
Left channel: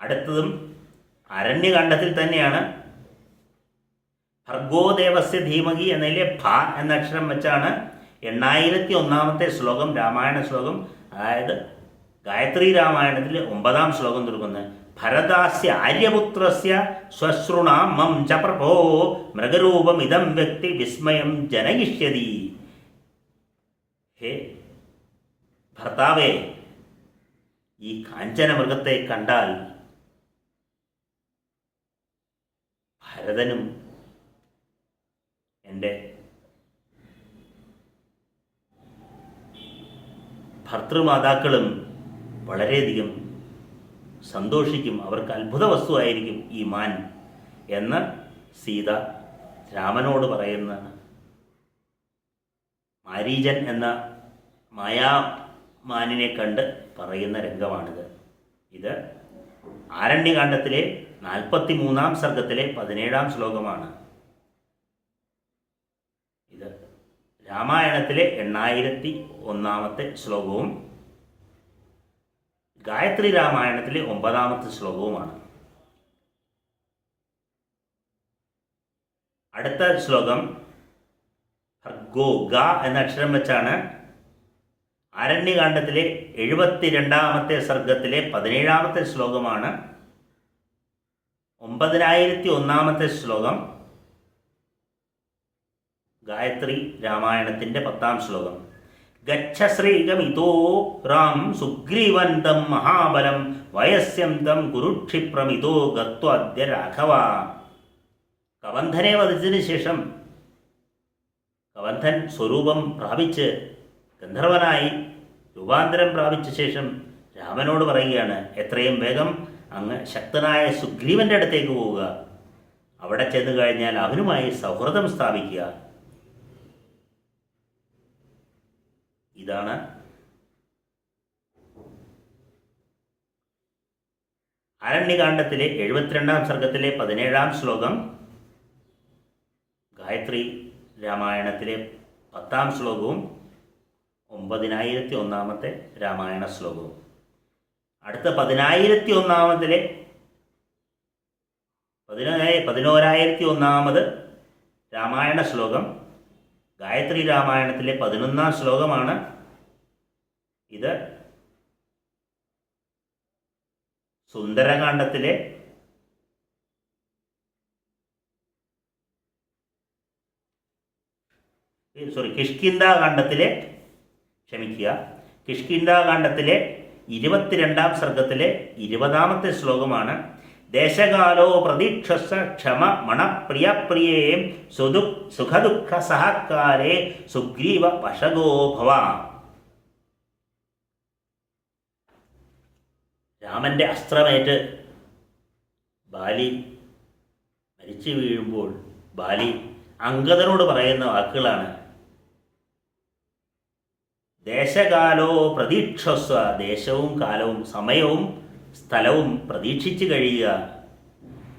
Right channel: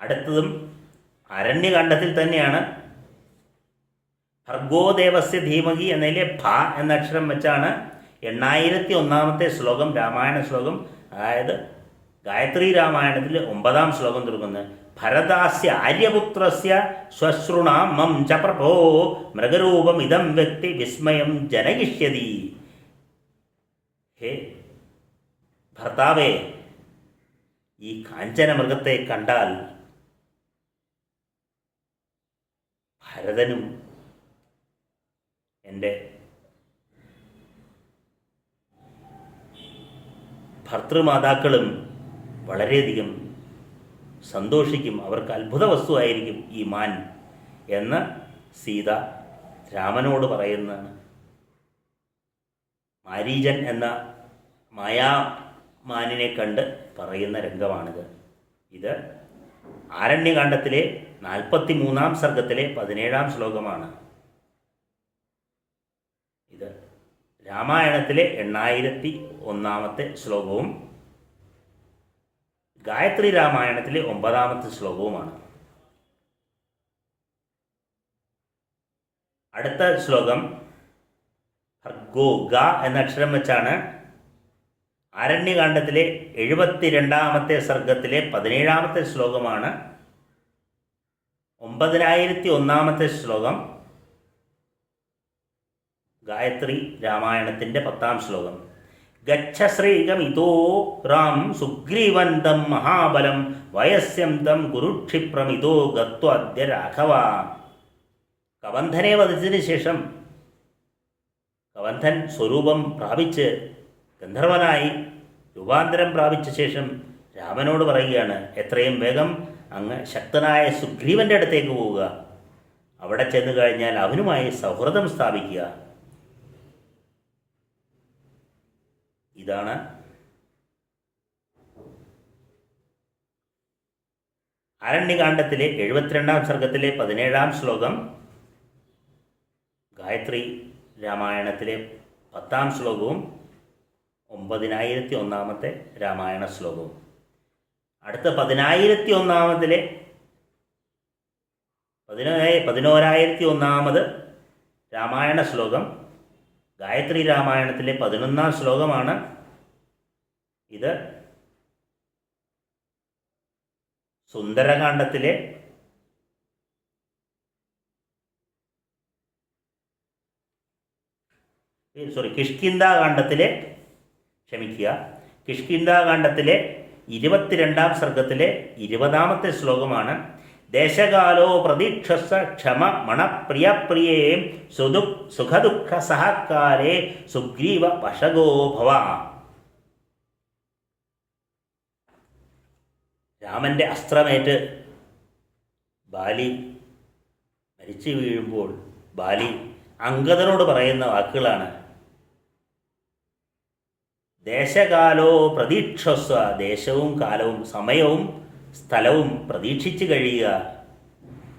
അടുത്തതും അരണ്യകാന്ഡത്തിൽ തന്നെയാണ്. ഭർഗോദേവസ്യ ധീമഹി എന്നതിലെ ഭ എന്ന അക്ഷരം വെച്ചാണ് 8001 ശ്ലോകം, രാമായണ ശ്ലോകം, അതായത് ഗായത്രി രാമായണത്തിൽ 9 ശ്ലോകം തുടങ്ങുന്നത്. ഭരതാസ്യ ആര്യപുത്രസ്യ ശ്വശ്രുണാം മം ച പ്രഭോ മൃഗരൂപം ഇതം വ്യക്തി വിസ്മയം ജനയിഷ്യതി. ഹേ ഭർത്താവേ, ഈ കാഞ്ചന മൃഗത്തെ കണ്ടാൽ ഭരതനും എൻ്റെ ഭർത്തൃമാതാക്കളും വളരെയധികം സന്തോഷിക്കും, അവർക്ക് അത്ഭുത വസ്തുവായിരിക്കും ഈ മാൻ എന്ന് സീത രാമനോട് പറയുന്നതാണ്. മാരീചൻ എന്ന മായാമാനിനെ കണ്ട് പറയുന്ന രംഗമാണിത്. ഇത് ആരണ്യകാന്ഡത്തിലെ 43 സർഗത്തിലെ 17 ശ്ലോകമാണ്. ഇത് രാമായണത്തിലെ 8001 ശ്ലോകവും ഗായത്രി രാമായണത്തിലെ 9 ശ്ലോകവുമാണ്. അടുത്ത ശ്ലോകം ഭർഗോ ഗ എന്ന അക്ഷരം വെച്ചാണ്. ആരണ്യകാന്ഡത്തിലെ 72 സർഗത്തിലെ 17 ശ്ലോകമാണ്. 9001 ശ്ലോകം ഗായത്രി രാമായണത്തിൻ്റെ 10 ശ്ലോകം. ഗച്ഛ ശ്രീഗമിതോ രാം സുഗ്രീവന്തം മഹാബലം വയസ്യം തം കുരുക്ഷിപ്രമിതോ ഗത്വാദ്യ രാഘവ. കബന്ധനെ വധിച്ചതിന് ശേഷം കബന്ധൻ സ്വരൂപം പ്രാപിച്ച് ഗന്ധർവനായി രൂപാന്തരം പ്രാപിച്ച ശേഷം രാമനോട് പറയുകയാണ്, എത്രയും വേഗം അങ്ങ് ശക്തനായ സുഗ്രീവൻ്റെ അടുത്തേക്ക് പോവുക, അവിടെ ചെന്ന് കഴിഞ്ഞാൽ അവനുമായി സൗഹൃദം സ്ഥാപിക്കുക. ഇതാണ് ആരണ്യകാന്ഡത്തിലെ 72 സർഗത്തിലെ 17 ശ്ലോകം. ഗായത്രി രാമായണത്തിലെ 10-ാം ശ്ലോകവും 9001-ാമത്തെ രാമായണ ശ്ലോകവും. അടുത്ത 1101-ാമതിലെ 1101-ാമത് രാമായണ ശ്ലോകം ഗായത്രി രാമായണത്തിലെ 11-ാം ശ്ലോകമാണ്. ഇത് സുന്ദരകാന്ഡത്തിലെ കിഷ്കിന്ധാകാന്ഡത്തിലെ 22-ാം സർഗത്തിലെ 20-ാമത്തെ ശ്ലോകമാണ്. ദേശകാലോ പ്രതീക്ഷസ ക്ഷമ മണപ്രിയപ്രിയേ സുഖദുഃഖ സഹകാലേ സുഗ്രീവ വശഗോ ഭവ. രാമൻ്റെ അസ്ത്രമേറ്റ് ബാലി മരിച്ചു വീഴുമ്പോൾ ബാലി അംഗദനോട് പറയുന്ന വാക്കുകളാണ്. ദേശകാലോ പ്രതീക്ഷസ്വ, ദേശവും കാലവും സമയവും സ്ഥലവും പ്രതീക്ഷിച്ച് കഴിയുക.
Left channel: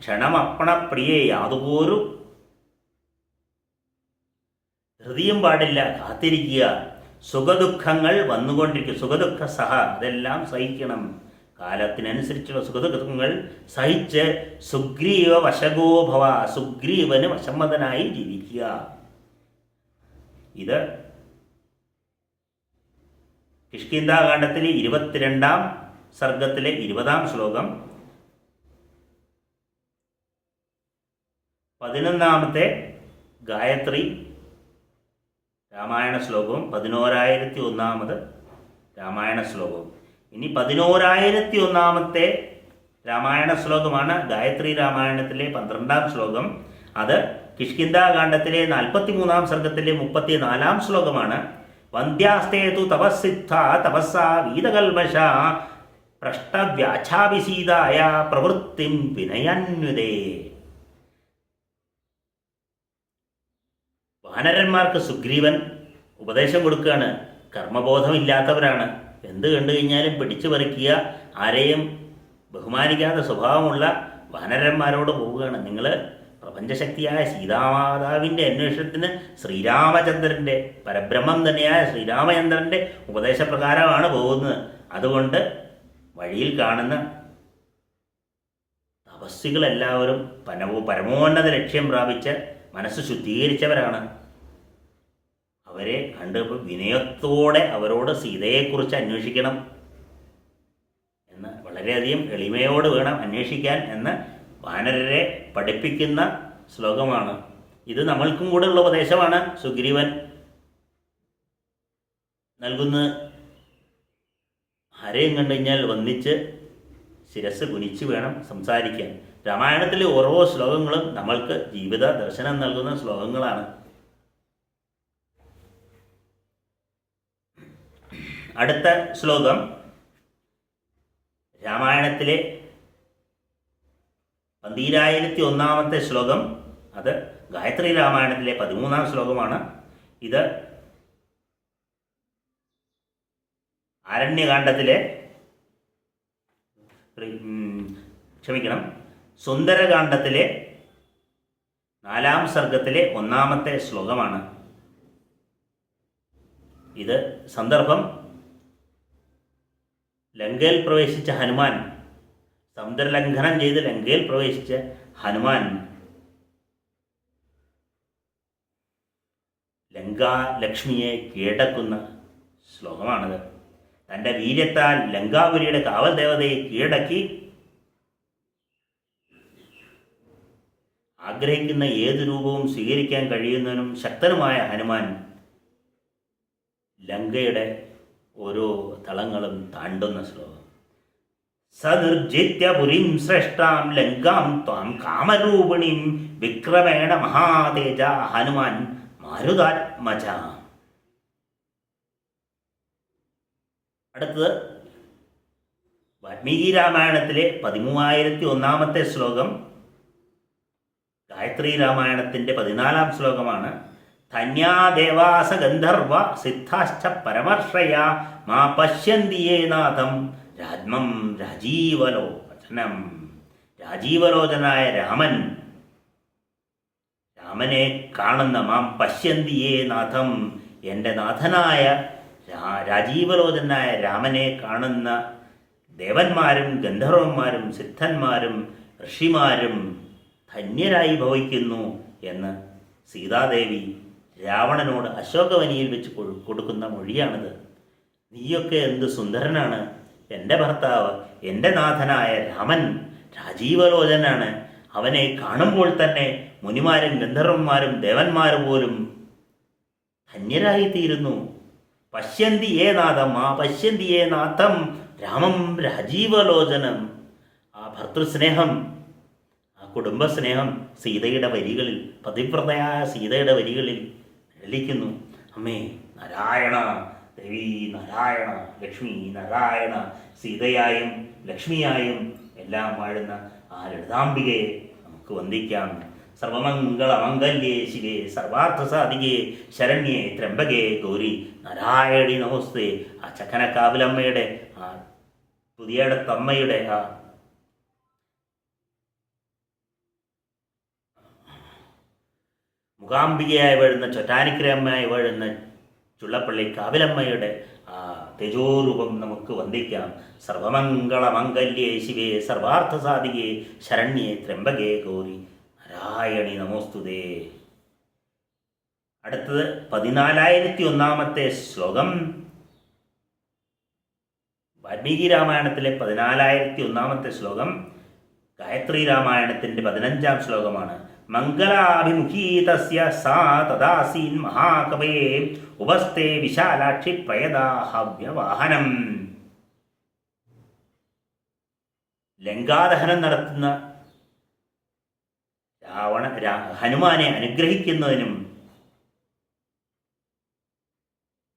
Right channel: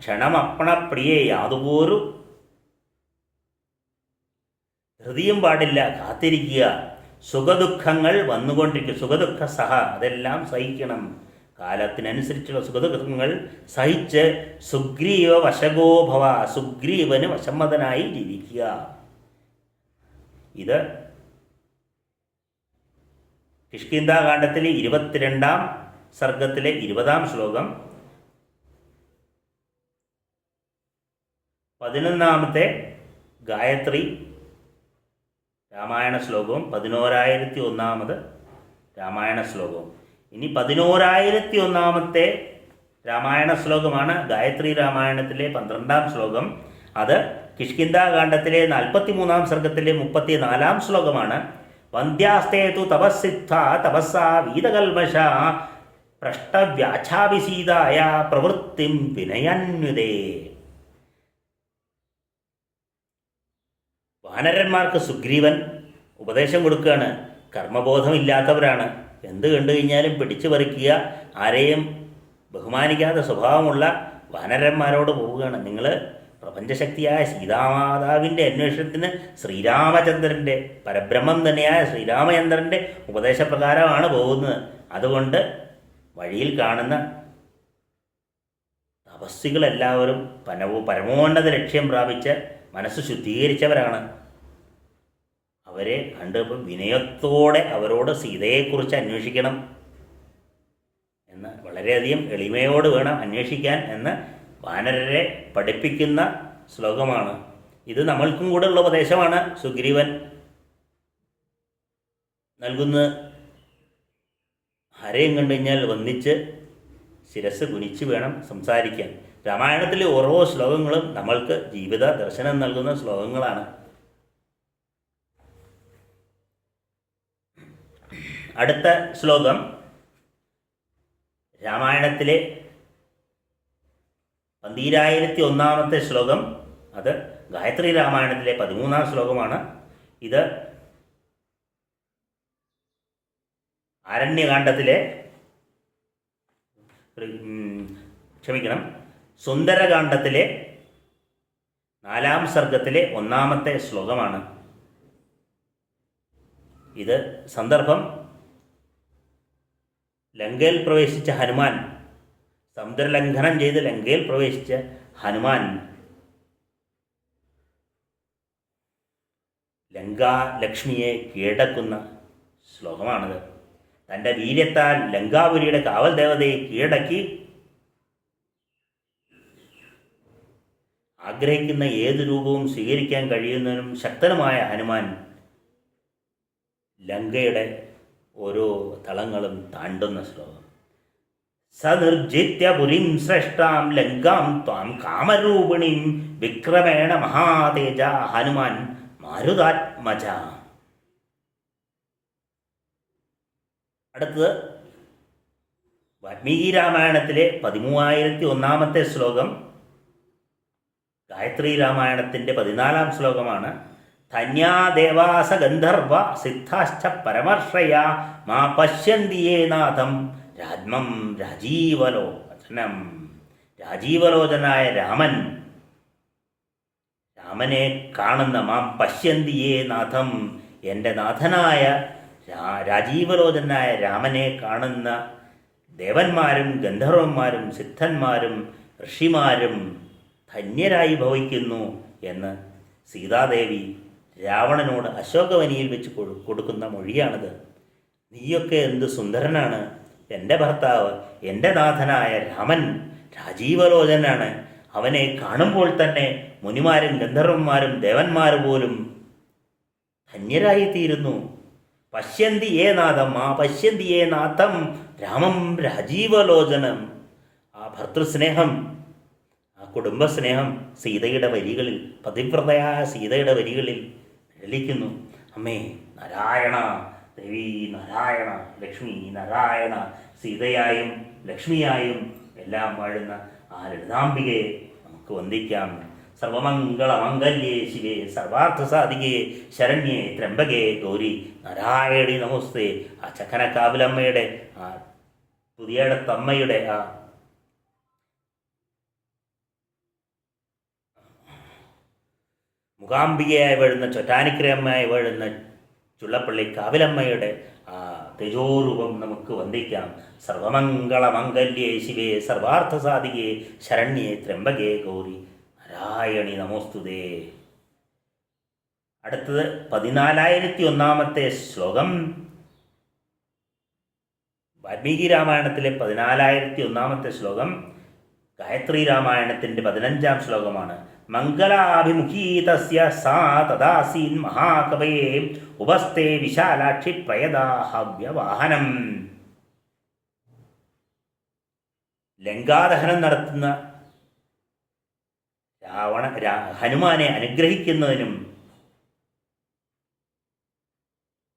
ക്ഷണമപ്പണപ്രിയെ, യാതൊരു ധൃതിയും പാടില്ല, കാത്തിരിക്കുക. സുഖദുഃഖങ്ങൾ വന്നുകൊണ്ടിരിക്കും, സുഖദുഃഖ സഹ, അതെല്ലാം സഹിക്കണം. കാലത്തിനനുസരിച്ചുള്ള സുഖദുഃഖങ്ങൾ സഹിച്ച് സുഗ്രീവ വശഗോഭവ, സുഗ്രീവന് വശമ്മതനായി ജീവിക്കുക. ഇത് കിഷ്കിന്ധാകാന്ഡത്തിലെ 22-ാം സർഗത്തിലെ 20-ാം ശ്ലോകം. 11-ാമത്തെ ഗായത്രി രാമായണ ശ്ലോകവും 1101-ാമത് രാമായണ ശ്ലോകവും. ഇനി 1101-ാമത്തെ രാമായണ ശ്ലോകമാണ് ഗായത്രി രാമായണത്തിലെ 12-ാം ശ്ലോകം. അത് കിഷ്കിന്ധാകാന്ഡത്തിലെ 43-ാം സർഗത്തിലെ 34-ാം ശ്ലോകമാണ്. വന്ധ്യാസ്തേതു തപസ്സിദ്ധ തപസ്സാ വീതകൽമഷ പ്രഷ്ടവ്യാച്ഛാഭിസീതായ പ്രവൃത്തിം വിനയന്യുതേ. വാനരന്മാർക്ക് സുഗ്രീവൻ ഉപദേശം കൊടുക്കുകയാണ്. കർമ്മബോധമില്ലാത്തവരാണ്, എന്ത് കണ്ടു കഴിഞ്ഞാലും പിടിച്ചു പറിക്കുക, ആരെയും ബഹുമാനിക്കാത്ത സ്വഭാവമുള്ള വാനരന്മാരോട് പോവുകയാണ്. നിങ്ങൾ പ്രപഞ്ചശക്തിയായ സീതാമാതാവിൻ്റെ അന്വേഷണത്തിന് ശ്രീരാമചന്ദ്രൻ്റെ, പരബ്രഹ്മം തന്നെയായ ശ്രീരാമചന്ദ്രൻ്റെ ഉപദേശപ്രകാരമാണ് പോകുന്നത്. അതുകൊണ്ട് വഴിയിൽ കാണുന്ന തപസ്സികളെല്ലാവരും പരമോന്നത ലക്ഷ്യം പ്രാപിച്ച് മനസ്സ് ശുദ്ധീകരിച്ചവരാണ്. അവരെ കണ്ടപ്പോൾ വിനയത്തോടെ അവരോട് സീതയെക്കുറിച്ച് അന്വേഷിക്കണം എന്ന്, വളരെയധികം എളിമയോട് വേണം അന്വേഷിക്കാൻ എന്ന് വാനരരെ പഠിപ്പിക്കുന്ന ശ്ലോകമാണ്. ഇത് നമ്മൾക്കും കൂടെ ഉള്ള ഉപദേശമാണ് സുഗ്രീവൻ നൽകുന്നത്. ആരെയും കണ്ടു കഴിഞ്ഞാൽ വന്നിച്ച് ശിരസ് കുനിച്ച് വേണം സംസാരിക്കാൻ. രാമായണത്തിലെ ഓരോ ശ്ലോകങ്ങളും നമ്മൾക്ക് ജീവിത ദർശനം നൽകുന്ന ശ്ലോകങ്ങളാണ്. അടുത്ത ശ്ലോകം രാമായണത്തിലെ 1201-ാമത്തെ ശ്ലോകം. അത് ഗായത്രി രാമായണത്തിലെ 13-ാം ശ്ലോകമാണ്. ഇത് ആരണ്യകാന്ഡത്തിലെ സുന്ദരകാന്ഡത്തിലെ 4-ാം സർഗത്തിലെ 1-ാമത്തെ ശ്ലോകമാണ്. ഇത് സന്ദർഭം ലങ്കയിൽ പ്രവേശിച്ച ഹനുമാൻ, സമുദ്രലംഘനം ചെയ്ത് ലങ്കയിൽ പ്രവേശിച്ച ഹനുമാൻ ലങ്കാലക്ഷ്മിയെ കീഴടക്കുന്ന ശ്ലോകമാണിത്. തൻ്റെ വീര്യത്താൽ ലങ്കാപുരിയുടെ കാവൽ ദേവതയെ കീഴടക്കി ആഗ്രഹിക്കുന്ന ഏത് രൂപവും സ്വീകരിക്കാൻ കഴിയുന്നതിനും ശക്തനുമായ ഹനുമാൻ ലങ്കയുടെ ഓരോ തളങ്ങളും താണ്ടുന്ന ശ്ലോകം. സനിർജിത്യ പുരീം ശ്രേഷ്ഠാം ലങ്കാം ത്വാം കാമരൂപിണീം വിക്രമേണ മഹാതേജ ഹനുമാൻ മാരുതാത്മജ. അടുത്തത് വാൽമീകി രാമായണത്തിലെ 13,001-ാമത്തെ ശ്ലോകം ഗായത്രി രാമായണത്തിൻ്റെ 14-ാം ശ്ലോകമാണ്. ധന്യാദേവാസ ഗന്ധർവ സിദ്ധാശ്ച പരമർഷയ മാ പശ്യന്തിയേ നാഥം രാജ്മം രാജീവലോചനം. രാജീവലോചനായ രാമനെ കാണുന്ന മാം പശ്യന്തിയേ നാഥം, എൻ്റെ നാഥനായ രാജീവലോചനായ രാമനെ കാണുന്ന ദേവന്മാരും ഗന്ധർവന്മാരും സിദ്ധന്മാരും ഋഷിമാരും ധന്യരായി ഭവിക്കുന്നു എന്ന് സീതാദേവി രാവണനോട് അശോകവനിയിൽ വെച്ച് കൊടുക്കുന്ന മൊഴിയാണിത്. നീയൊക്കെ എന്ത് സുന്ദരനാണ്, എൻ്റെ ഭർത്താവ് എൻ്റെ നാഥനായ രാമൻ രാജീവലോചനാണ്, അവനെ കാണുമ്പോൾ തന്നെ മുനിമാരും ഗന്ധർവന്മാരും ദേവന്മാരും പോലും ധന്യരായിത്തീരുന്നു. പശ്യന്തി ഏ നാഥം, ആ പശ്യന്തി ഏ നാഥം രാമം രാജീവലോചനം. ആ ഭർത്തൃസ്നേഹം, ആ കുടുംബസ്നേഹം സീതയുടെ വരികളിൽ, പതിവ്രതയായ സീതയുടെ വരികളിൽ ലലിക്കുന്നു. അമ്മേ നാരായണ, ദേവി നാരായണ, ലക്ഷ്മി നാരായണ, സീതയായും ലക്ഷ്മിയായും എല്ലാം വാഴുന്ന ആ ലളിതാംബികയെ നമുക്ക് വന്ദിക്കാം. സർവമംഗളമംഗല്യേ ശിവേ സർവാർത്ഥസാധികേ ശരണ്യേ ത്രംബകേ ഗൗരി നാരായണി നമോസ്തേ. ആ ചക്കനക്കാവിലമ്മയുടെ, ആ പുതിയടത്തമ്മയുടെ, ആ മുഖാംബികയായി വാഴുന്ന ചൊറ്റാനിക്കരമ്മയായി വാഴുന്ന ചുള്ളപ്പള്ളി കാവിലമ്മയുടെ ആ തേജോരൂപം നമുക്ക് വന്ദിക്കാം. സർവമംഗളമംഗല്യേ ശിവേ സർവാർത്ഥസാധികേ ശരണ്യേ ത്രംബകേ ഗൗരി നാരായണി നമോസ്തുതേ. അടുത്തത് 1401 ശ്ലോകം. വാൽമീകി രാമായണത്തിലെ 1401 ശ്ലോകം ഗായത്രി രാമായണത്തിൻ്റെ 15 ശ്ലോകമാണ്. മംഗളാഭിമുഖീ തസ്യ സാ തദാസീൻ മഹാകവയേ ഉപസ്ഥേ വിശാലാക്ഷി പ്രയദാഹവ്യവാഹനം. ലങ്കാദഹനം നടത്തുന്ന ഹനുമാനെ അനുഗ്രഹിക്കുന്നതിനും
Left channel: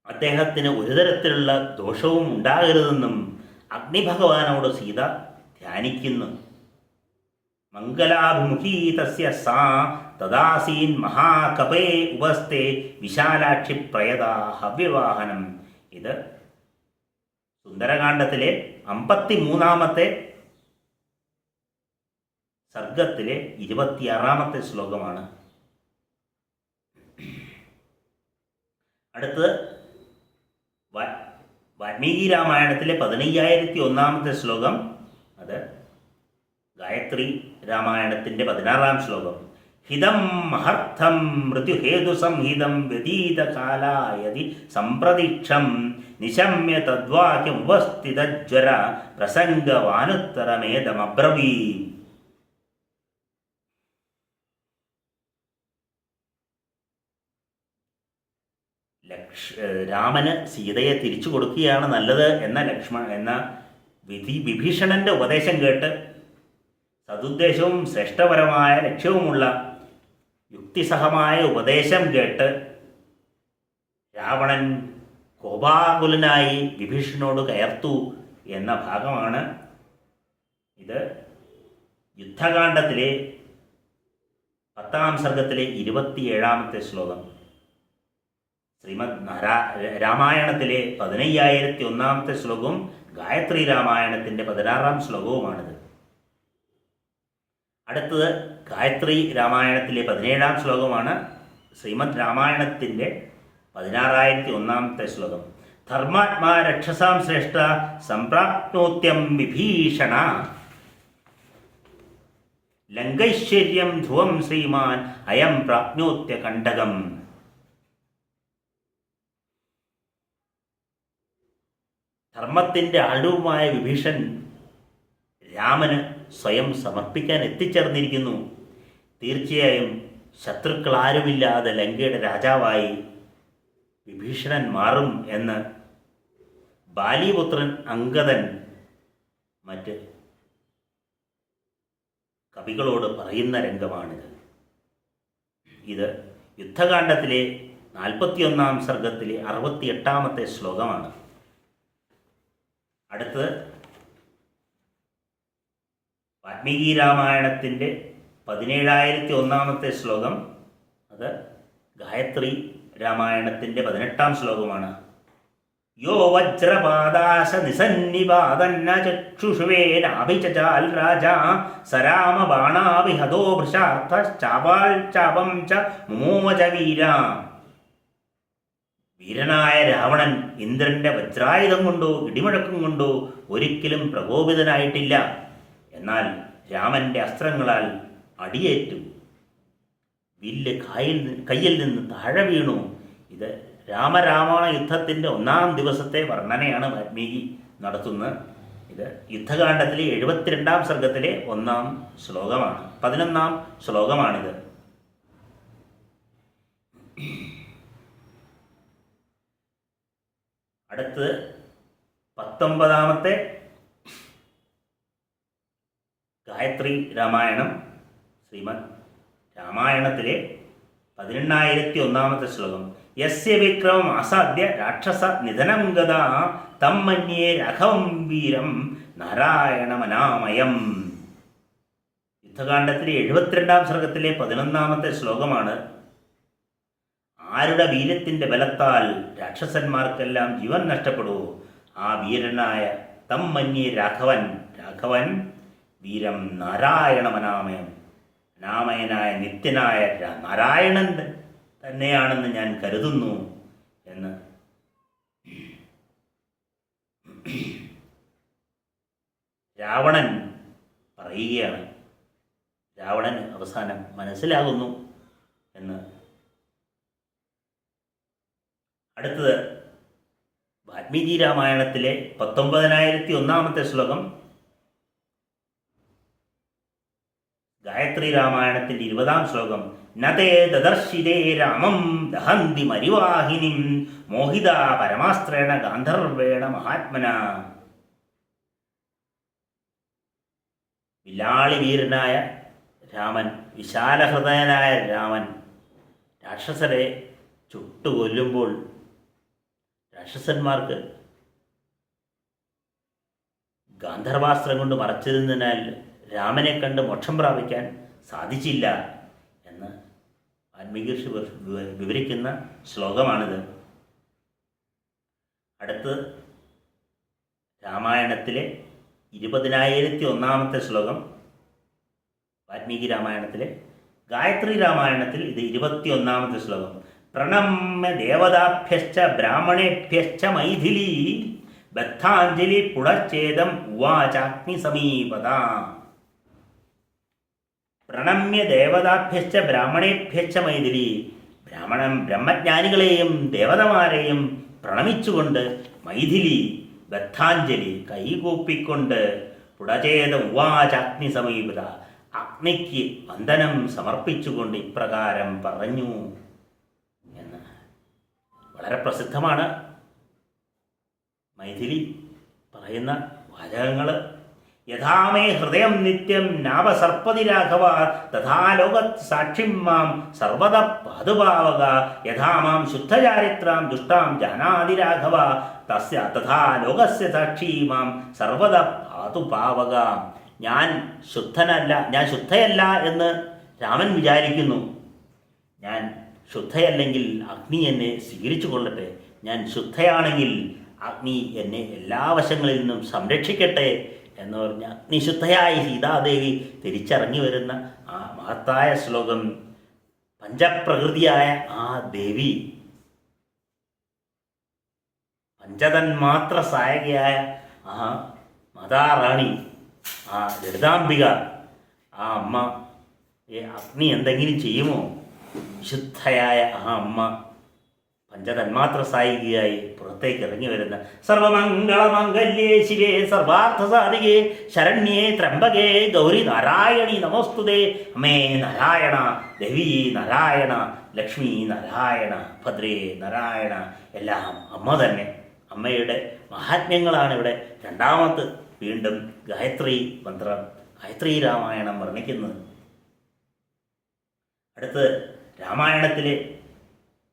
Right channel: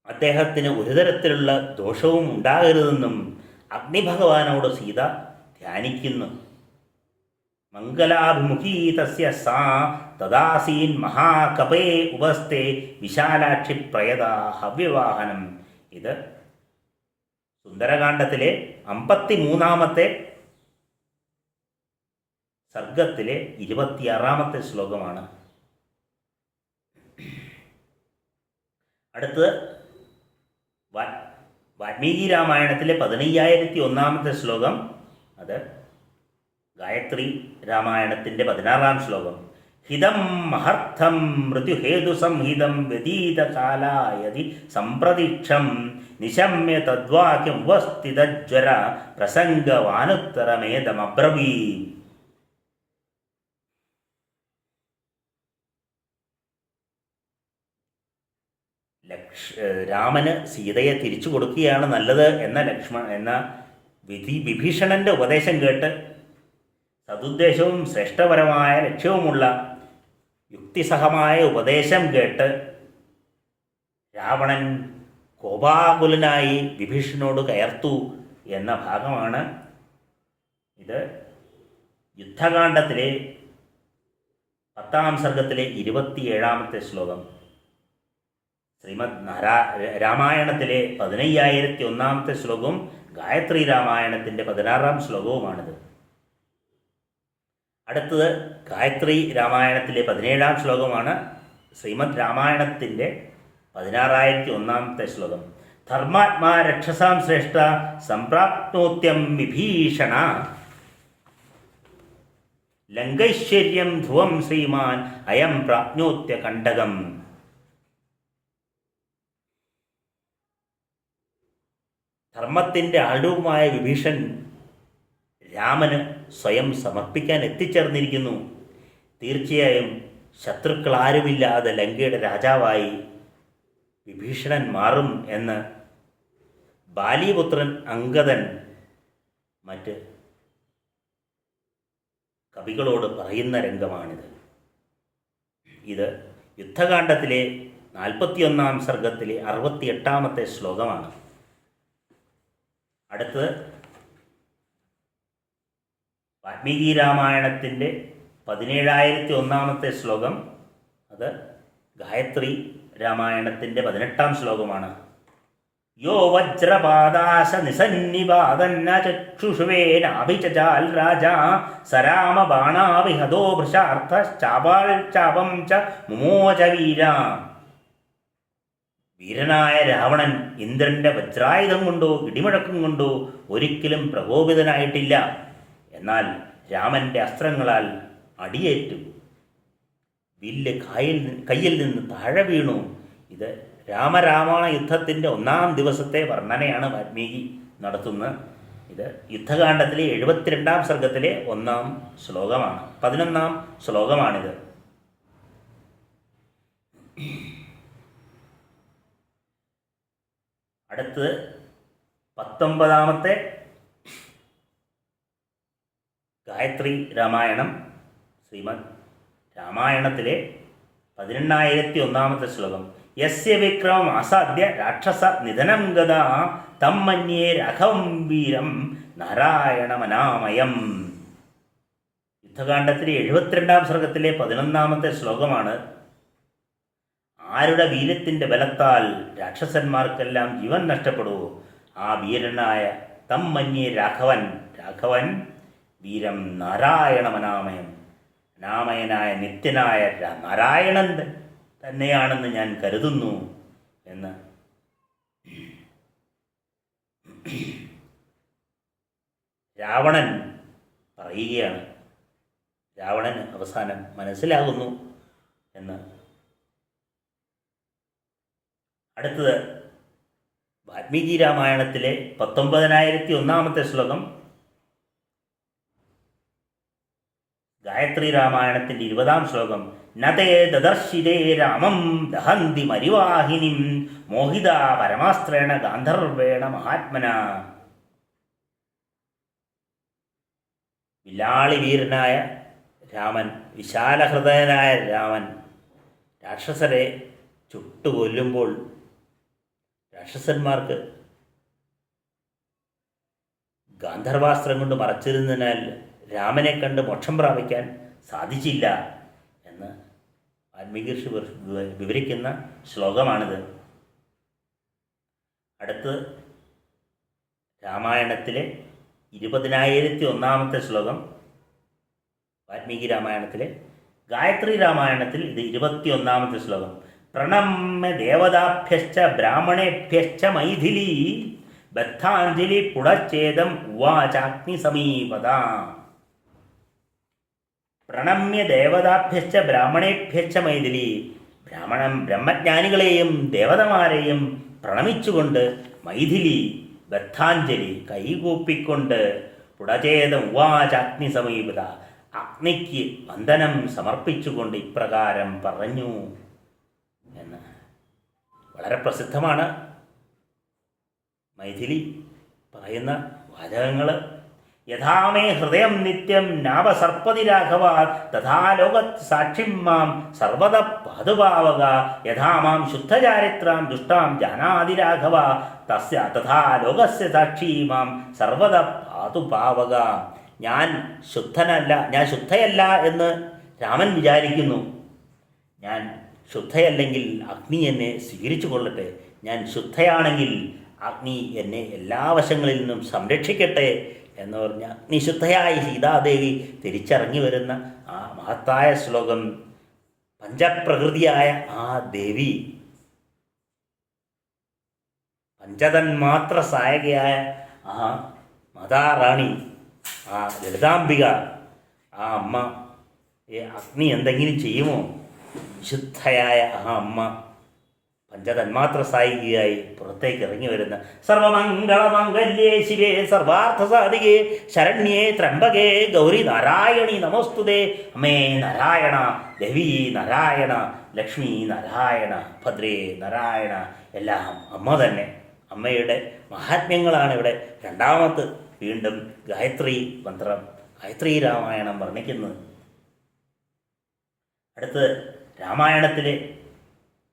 അദ്ദേഹത്തിന് ഒരു തരത്തിലുള്ള ദോഷവും ഉണ്ടാകരുതെന്നും അഗ്നിഭഗവാനോട് സീത ധ്യാനിക്കുന്നു. മംഗലാഭിമുഖീ തസ്യ സാ തദാസീൻ മഹാകപേ ഉപസ്ഥേ വിശാലാക്ഷി പ്രയദാ ഹവ്യവാഹനം. ഇത് സുന്ദരകാണ്ഡത്തിലെ 53 സർഗത്തിലെ 26 ശ്ലോകമാണ്. അടുത്തത് വാൽമീകി രാമായണത്തിലെ 15001 ശ്ലോകം. അത് ഗായത്രി രാമായണത്തിൻ്റെ 16 ശ്ലോകം. ഹിതം മഹർത്ഥം മൃത്യുഹേതു സംഹിതം വ്യതീതകാലായതി സംപ്രതീക്ഷം നിശമ്യ തദ്വാക്യം ഉപസ്ഥിതജ്വര പ്രസംഗവാനുത്തരമേതമബ്രവീ. രാമന് സീതയെ തിരിച്ചു കൊടുക്കുകയാണ് നല്ലത് എന്ന വിഭീഷണന്റെ ഉപദേശം കേട്ട് സതുദ്ദേശവും ശ്രേഷ്ഠപരമായ ലക്ഷ്യവുമുള്ള യുക്തിസഹമായ ഉപദേശം കേട്ട് രാവണൻ കോപാകുലനായി വിഭീഷണനോട് കയർത്തു എന്ന ഭാഗമാണ് ഇത്. യുദ്ധകാണ്ഡത്തിലെ 10 സർഗത്തിലെ 27 ശ്ലോകം. ശ്രീമദ് രാമായണത്തിലെ 15001 ശ്ലോകവും ഗായത്രി രാമായണത്തിൻ്റെ 16 ശ്ലോകവുമാണിത്. അടുത്തത് ഗായത്രി രാമായണത്തിലെ 17 ശ്ലോകമാണ്. ശ്രീമദ് രാമായണത്തിൻ്റെ 16001 ശ്ലോകം. ധർമാത്മാ രക്ഷസാം ശ്രേഷ്ഠ സംപ്രാപ്നോത്യം വിഭീഷണ ലങ്കൈശ്വര്യം ധ്രുവം ശ്രീമാൻ അയം പ്രാപ്നോത്യ കണ്ടകം. ധർമ്മത്തിൻ്റെ ആളുമായ വിഭീഷൺ രാമന് സ്വയം സമർപ്പിക്കാൻ എത്തിച്ചേർന്നിരിക്കുന്നു. തീർച്ചയായും ശത്രുക്കൾ ആരുമില്ലാതെ ലങ്കയുടെ രാജാവായി വിഭീഷണൻ മാറും എന്ന് ബാലിപുത്രൻ അംഗദൻ മറ്റ് കവികളോട് പറയുന്ന രംഗമാണിത്. ഇത് യുദ്ധകാണ്ഡത്തിലെ 41 സർഗത്തിലെ 68 ശ്ലോകമാണ്. അടുത്തത് വാൽമീകി രാമായണത്തിൻ്റെ 17001 ശ്ലോകം. അത് ഗായത്രി രാമായണത്തിൻ്റെ 18 ശ്ലോകമാണ്. യോ വജ്രപാദാശ നിസന്നിപാതന്ന ചക്ഷുഷുവേനാഭിചാൽ രാജാ സരാമബാണാവിഹതോ ഭൃശാർത്ഥശ്ചാപാൽ ചാപം ച മുമോച വീര. വീരനായ രാവണൻ ഇന്ദ്രന്റെ വജ്രായുധം കൊണ്ടോ ഇടിമുഴക്കം കൊണ്ടോ ഒരിക്കലും പ്രകോപിതനായിട്ടില്ല. എന്നാൽ രാമന്റെ അസ്ത്രങ്ങളാൽ അടിയേറ്റു. വില്ല് കയ്യിൽ നിന്ന് താഴെ വീണു. ഇത് രാമരാവണ യുദ്ധത്തിൻ്റെ 1-ാം ദിവസത്തെ വർണ്ണനയാണ് വാൽമീകി നടത്തുന്നത്. ഇത് യുദ്ധകാണ്ഡത്തിലെ 72-ാം സർഗത്തിലെ 1-ാം ശ്ലോകമാണ്, 11-ാം ശ്ലോകമാണിത്. അടുത്ത് 19-ാമത്തെ ഗായത്രി രാമായണം, ശ്രീമദ് രാമായണത്തിലെ 18,001-ാമത്തെ ശ്ലോകം. യസ്യ വിക്രമം അസാധ്യ രാക്ഷസ നിധനം ഗതാ തം മന്യേ രാഘവം വീരം നാരായണമനാമയം. യുദ്ധകാണ്ഡത്തിലെ 72-ാം സർഗത്തിലെ 11-ാമത്തെ ശ്ലോകമാണ്. ആരുടെ വീര്യത്തിൻ്റെ ബലത്താൽ രാക്ഷസന്മാർക്കെല്ലാം ജീവൻ നഷ്ടപ്പെടുവോ ആ വീരനായ തം മന്യേ രാഘവൻ വീരം നാരായണമനാമയം, അനാമയനായ നിത്യനായ നാരായണൻ തന്നെയാണെന്ന് ഞാൻ കരുതുന്നു എന്ന് രാവണൻ പറയുകയാണ്. രാവണൻ അവസാനം മനസ്സിലാകുന്നു എന്ന്. അടുത്തത് വാൽമീകി രാമായണത്തിലെ 19,001-ാമത്തെ ശ്ലോകം. ഗായത്രി രാമായണത്തിൻ്റെ 20-ാം ശ്ലോകം. നതേ ദദർശിരേ രാമം ദഹന്തി മരിവാഹിനിം മോഹിത പരമാസ്ത്രേണ ഗാന്ധർവേണ മഹാത്മന. വില്ലാളി വീരനായ രാമൻ, വിശാലഹൃദയനായ രാമൻ രാക്ഷസരെ ചുട്ടുകൊല്ലുമ്പോൾ രാക്ഷസന്മാർക്ക് ഗാന്ധർവാസ്ത്രം കൊണ്ട് മറച്ചിരുന്നതിനാൽ രാമനെ കണ്ട് മോക്ഷം പ്രാപിക്കാൻ സാധിച്ചില്ല എന്ന് വാൽമീകി വിവരിക്കുന്ന ശ്ലോകമാണിത്. അടുത്ത് രാമായണത്തിലെ 20,001-ാമത്തെ ശ്ലോകം. വാൽമീകി രാമായണത്തിലെ. ഗായത്രി രാമായണത്തിൽ ഇത് 21-ാമത്തെ ശ്ലോകം. പ്രണമ്യ ദേവതാഭ്യശ്ച ബ്രാഹ്മണേഭ്യശ്ച മൈഥിലി ബദ്ധാഞ്ജലി പുടച്ഛേദം ഉവാചാഗ്നി സമീപത. പ്രണമ്യ ദേവതാഭ്യശ്ച ബ്രാഹ്മണേഭ്യശ്ച മൈഥിലി. ബ്രഹ്മജ്ഞാനികളെയും ദേവതമാരെയും പ്രണമിച്ചുകൊണ്ട് മൈഥിലി ബദ്ധാഞ്ജലി കൈകൂപ്പിക്കൊണ്ട് പുടചേത ഉവാചാഗ്നി സമീപത അഗ്നിക്ക് വന്ദനം സമർപ്പിച്ചുകൊണ്ട് ഇപ്രകാരം പറഞ്ഞു എന്ന്. വളരെ പ്രസിദ്ധമാണ് മൈഥിലി പറയുന്ന വാചകങ്ങൾ. യഥാമേ ഹൃദയം നിത്യം നാവസർപ്പതി രാഘവ തഥാ ലോകത് സാക്ഷിം മാം സർവദ പാതുപാവക യഥാ മാം ശുദ്ധചാരിത്രാം ദുഷ്ടാം ജാനാതി രാഘവ തസ്യ തഥാ ലോകസ്യ സാക്ഷി മാം സർവദ പാതുപാവക. ഞാൻ ശുദ്ധയല്ല എന്ന് രാമൻ വിചാരിക്കുന്നു. ഞാൻ ശുദ്ധയല്ലെങ്കിൽ അഗ്നി എന്നെ സ്വീകരിച്ചു കൊള്ളട്ടെ. ഞാൻ ശുദ്ധയാണെങ്കിൽ അഗ്നി എന്നെ എല്ലാ വശങ്ങളിൽ നിന്നും സംരക്ഷിക്കട്ടെ എന്ന് പറഞ്ഞ അഗ്നിശുദ്ധയായ സീതാദേവി തിരിച്ചറിഞ്ഞു വരുന്ന ആ മഹത്തായ ശ്ലോകം. പഞ്ചപ്രകൃതിയായ ആ ദേവി, പഞ്ചതന്മാത്ര സഹായകയായ ആ മാതാറാണി, ആ ലളിതാംബിക, ആ അമ്മ അഗ്നി എന്തെങ്കിലും ചെയ്യുമോ? വിശുദ്ധയായ ആ അമ്മ പഞ്ചതന്മാത്ര സായികയായി പുറത്തേക്ക് ഇറങ്ങി വരുന്ന സർവമംഗളമംഗല്യേ ശിവേ സർവാർത്ഥസാധികേ ശരണ്യേ ത്രംബകേ ഗൗരി നാരായണി നമോസ്തുതേ. അമ്മേ നാരായണ, ദേവി നാരായണ, ലക്ഷ്മി നാരായണ, ഭദ്രേ നാരായണ, എല്ലാം അമ്മ തന്നെ. അമ്മയുടെ മഹാത്മ്യങ്ങളാണ് ഇവിടെ രണ്ടാമത് വീണ്ടും ഗായത്രി മന്ത്രം, ഗായത്രി രാമായണം വർണ്ണിക്കുന്നത്. അടുത്ത് രാമായണത്തിലെ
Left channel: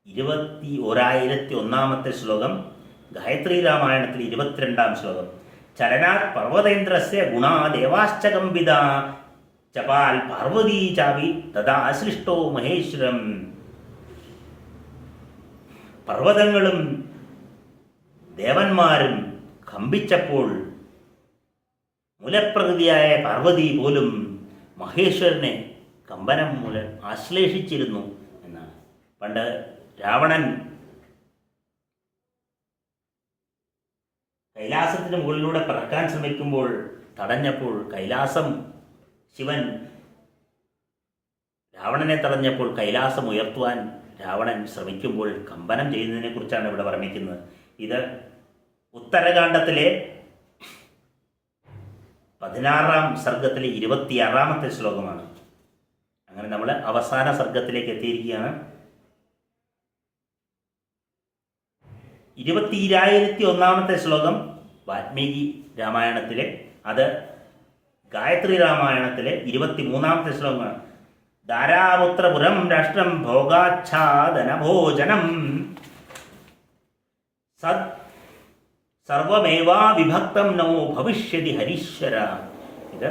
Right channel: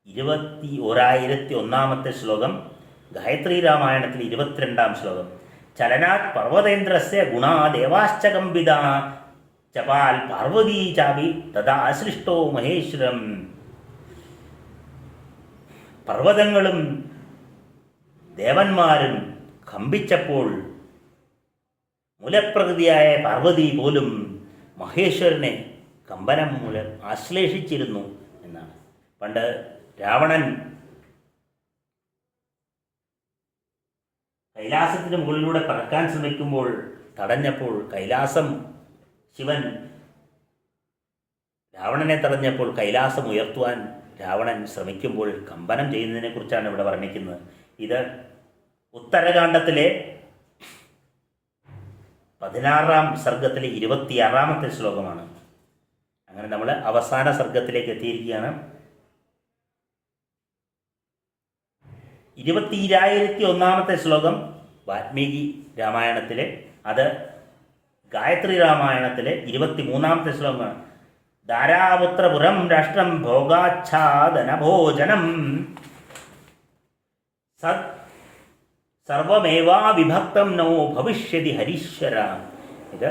21,001-ാമത്തെ ശ്ലോകം. ഗായത്രി രാമായണത്തിൽ 22-ാം ശ്ലോകം. ചലനാത് പർവ്വതേന്ദ്രസ്യ ഗുണാ ദേവാശ്ച കമ്പിത ചപാൽ പാർവതീ ചാപി തഥാ സൃഷ്ടോ മഹേശ്വരം. പർവ്വതങ്ങളും ദേവന്മാരും കമ്പിച്ചപ്പോൾ മൂലപ്രകൃതിയായ പാർവതി പോലും മഹേശ്വരനെ കമ്പനം മൂലം ആശ്ലേഷിച്ചിരുന്നു എന്നാണ്. പണ്ട് രാവണൻ കൈലാസത്തിന് മുകളിലൂടെ പറക്കാൻ ശ്രമിക്കുമ്പോൾ തടഞ്ഞപ്പോൾ ശിവൻ രാവണനെ തടഞ്ഞപ്പോൾ കൈലാസം ഉയർത്തുവാൻ രാവണൻ ശ്രമിക്കുമ്പോൾ കമ്പനം ചെയ്യുന്നതിനെ കുറിച്ചാണ് ഇവിടെ വർണ്ണിക്കുന്നത്. ഇത് ഉത്തരകാണ്ഡത്തിലെ 16-ാം സർഗത്തിലെ 26-ാമത്തെ ശ്ലോകമാണ്. അങ്ങനെ നമ്മൾ അവസാന സർഗത്തിലേക്ക് എത്തിയിരിക്കുകയാണ്. 21-ാമത്തെ ശ്ലോകം വാൽമീകി രാമായണത്തിലെ, അത് ഗായത്രി രാമായണത്തിലെ 23-ാമത്തെ ശ്ലോകമാണ്. ധാരാപുത്രപുരം രാഷ്ട്രം ഭോഗാച്ഛാദനഭോജനം സത് സർവമേവാ വിഭക്തം നോ ഭവിഷ്യതി ഹരീശ്വര. ഇത്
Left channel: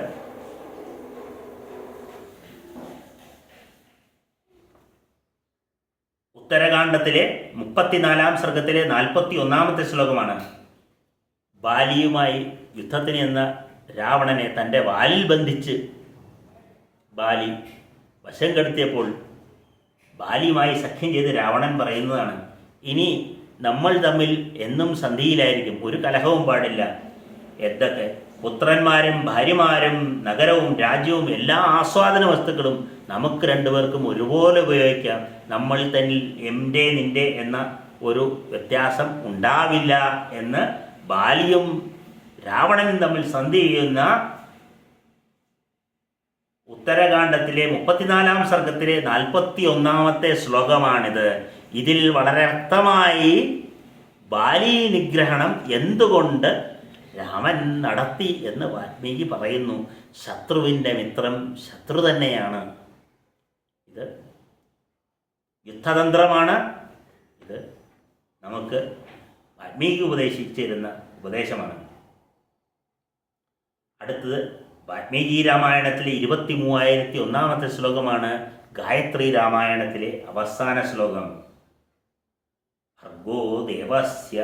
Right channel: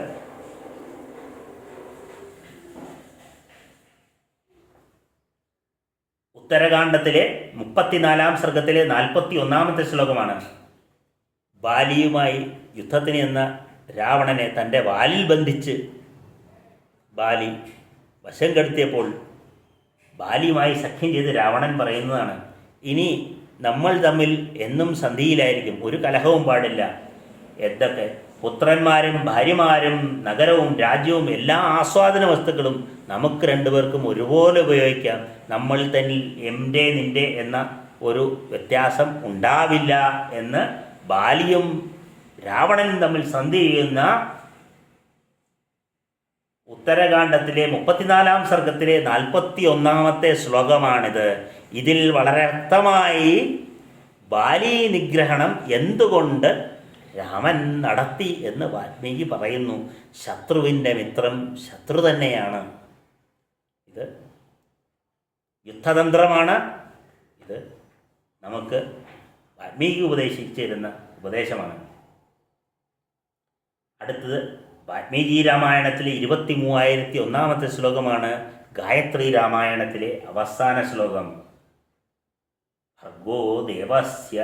ഉത്തരകാണ്ഡത്തിലെ 34-ാം സർഗത്തിലെ 41-ാമത്തെ ശ്ലോകമാണ്. ബാലിയുമായി യുദ്ധത്തിന് എന്ന രാവണനെ തൻ്റെ വാലിൽ ബന്ധിച്ച് ബാലി വശം കെടുത്തിയപ്പോൾ ബാലിയുമായി സഖ്യം ചെയ്ത് രാവണൻ പറയുന്നതാണ്, ഇനി നമ്മൾ തമ്മിൽ എന്നും സന്ധിയിലായിരിക്കും, ഒരു കലഹവും പാടില്ല. എന്തൊക്കെ പുത്രന്മാരും ഭാര്യമാരും നഗരവും രാജ്യവും എല്ലാ ആസ്വാദന വസ്തുക്കളും നമുക്ക് രണ്ടുപേർക്കും ഒരുപോലെ ഉപയോഗിക്കാം. നമ്മളിൽ തന്നെ എൻ്റെ നിൻ്റെ എന്ന ഒരു വ്യത്യാസം ഉണ്ടാവില്ല എന്ന് ബാലിയും രാവണനും തമ്മിൽ സന്ധി ചെയ്യുന്ന ഉത്തരകാണ്ഡത്തിലെ 34-ാം സർഗത്തിലെ 41-ാമത്തെ ശ്ലോകമാണിത്. ഇതിൽ വളരെ വ്യക്തമായി ബാലി നിഗ്രഹണം എന്തുകൊണ്ട് രാമൻ നടത്തി എന്ന് വാൽമീകി പറയുന്നു. ശത്രുവിൻ്റെ മിത്രം ശത്രു തന്നെയാണ്. ഇത് യുദ്ധതന്ത്രമാണ്. ഇത് നമുക്ക് വാൽമീകി ഉപദേശിച്ചിരുന്ന ഉപദേശമാണ്. അടുത്തത് വാൽമീകി രാമായണത്തിലെ 23,001-ാമത്തെ ശ്ലോകമാണ്. ഗായത്രി രാമായണത്തിലെ അവസാന ശ്ലോകം. ഭർഗോ ദേവസ്യ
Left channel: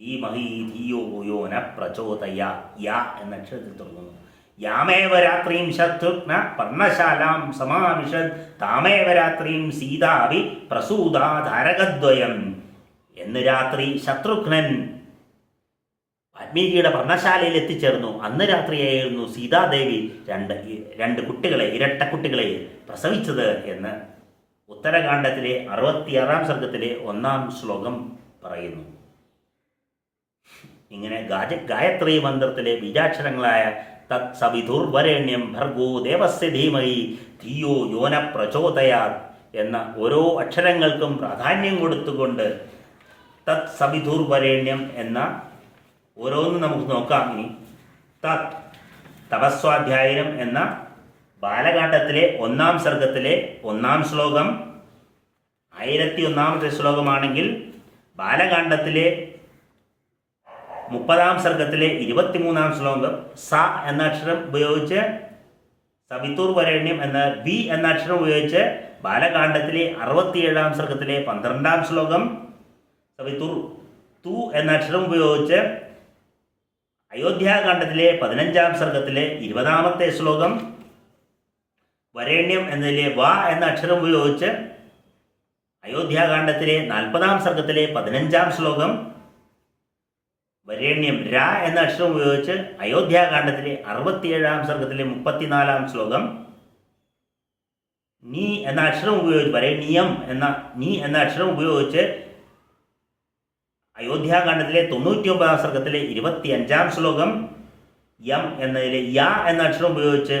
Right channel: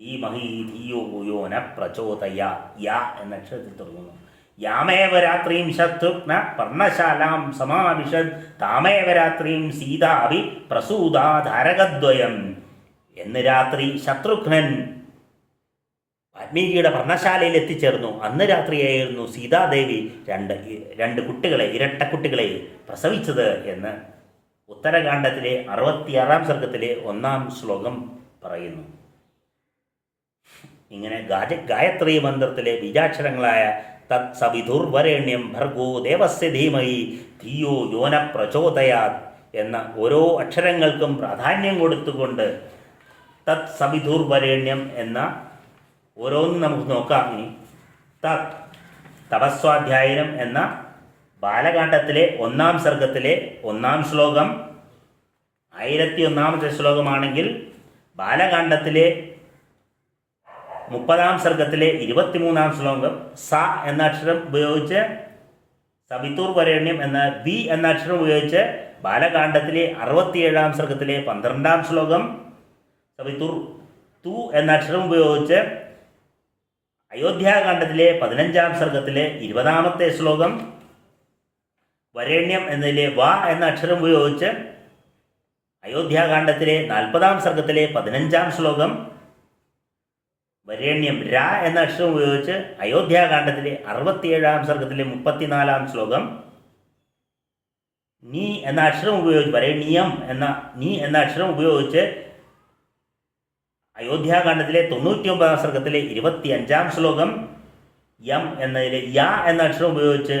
ധീമഹി ധിയോ യോ ന പ്രചോദയാത്. യാ എന്ന അക്ഷരത്തിൽ തുടങ്ങുന്നു. യാമേവ രാത്രിം ശത്രുഘ്ന പർണശാലാം സമാവിശത് താമേവ രാത്രിം സീതാവി പ്രസൂതാ ധാരകദ്വയം. എന്ന് രാത്രി ശത്രുഘ്നൻ വാൽമീകിയുടെ പർണശാലയിൽ എത്തിച്ചേർന്നു. അന്ന് രാത്രിയായിരുന്നു സീതാദേവി രണ്ട് കുട്ടികളെ, ഇരട്ടക്കുട്ടികളെ പ്രസവിച്ചത് എന്ന് ഉത്തരകാണ്ഡത്തിലെ 66-ാം സർഗത്തിലെ 1-ാം ശ്ലോകം പറയുന്നു. ഇങ്ങനെ ഗായത്രി മന്ത്രത്തിലെ ബീജാക്ഷരങ്ങളായ തത് സവിതുർവരേണ്യം ഭർഗോ ദേവസ്യ ധീമഹി ധിയോ യോന പ്രചോദയാത് എന്ന ഓരോ അക്ഷരങ്ങൾക്കും പ്രാധാന്യം കൊടുത്തുകൊണ്ട് തത് സവിതുർവരേണ്യം എന്ന ഓരോന്നും നമുക്ക് നോക്കാം. ഇനി തത് തപസ്വാധ്യായനം എന്ന ബാലകാണ്ഡത്തിലെ 1-ാം സർഗത്തിലെ 1-ാം ശ്ലോകം 1001-ാമത്തെ ശ്ലോകമാണെങ്കിൽ ബാലകാണ്ഡത്തിലെ 30-ാം സർഗത്തിലെ 23-ാം ശ്ലോകം സ എന്ന അക്ഷരം ഉപയോഗിച്ച് സവിതുർ വരേണ്യം എന്ന ബി എന്ന അക്ഷരം ഉപയോഗിച്ച് ബാലകാണ്ഡത്തിലെ 67-ാം സർഗത്തിലെ 12-ാം ശ്ലോകം സവിതുർ തു എന്ന അക്ഷരം ഉപയോഗിച്ച് അയോധ്യാകാണ്ഡത്തിലെ 15-ാം സർഗത്തിലെ 20-ാമത്തെ ശ്ലോകം വരേണ്യം എന്നതിലെ വ എന്ന അക്ഷരം ഉപയോഗിച്ച് അയോധ്യാകാണ്ഡത്തിലെ 40-ാം സർഗത്തിലെ 15-ാം ശ്ലോകം വരേണ്യം ര എന്ന അക്ഷരം ഉപയോഗിച്ച് അയോധ്യാകാണ്ഡത്തിലെ 67-ാം സർഗത്തിലെ 34-ാം ശ്ലോകം നീ എന്ന അക്ഷരം ഉപയോഗിച്ച് വരേണ്യം എന്ന നീ എന്ന അക്ഷരം ഉപയോഗിച്ച് അയോധ്യാകാണ്ഡത്തിലെ 99-ാം സർഗത്തിലെ 25-ാം ശ്ലോകം യം എന്നതിലെ യ എന്ന അക്ഷരം ഉപയോഗിച്ച്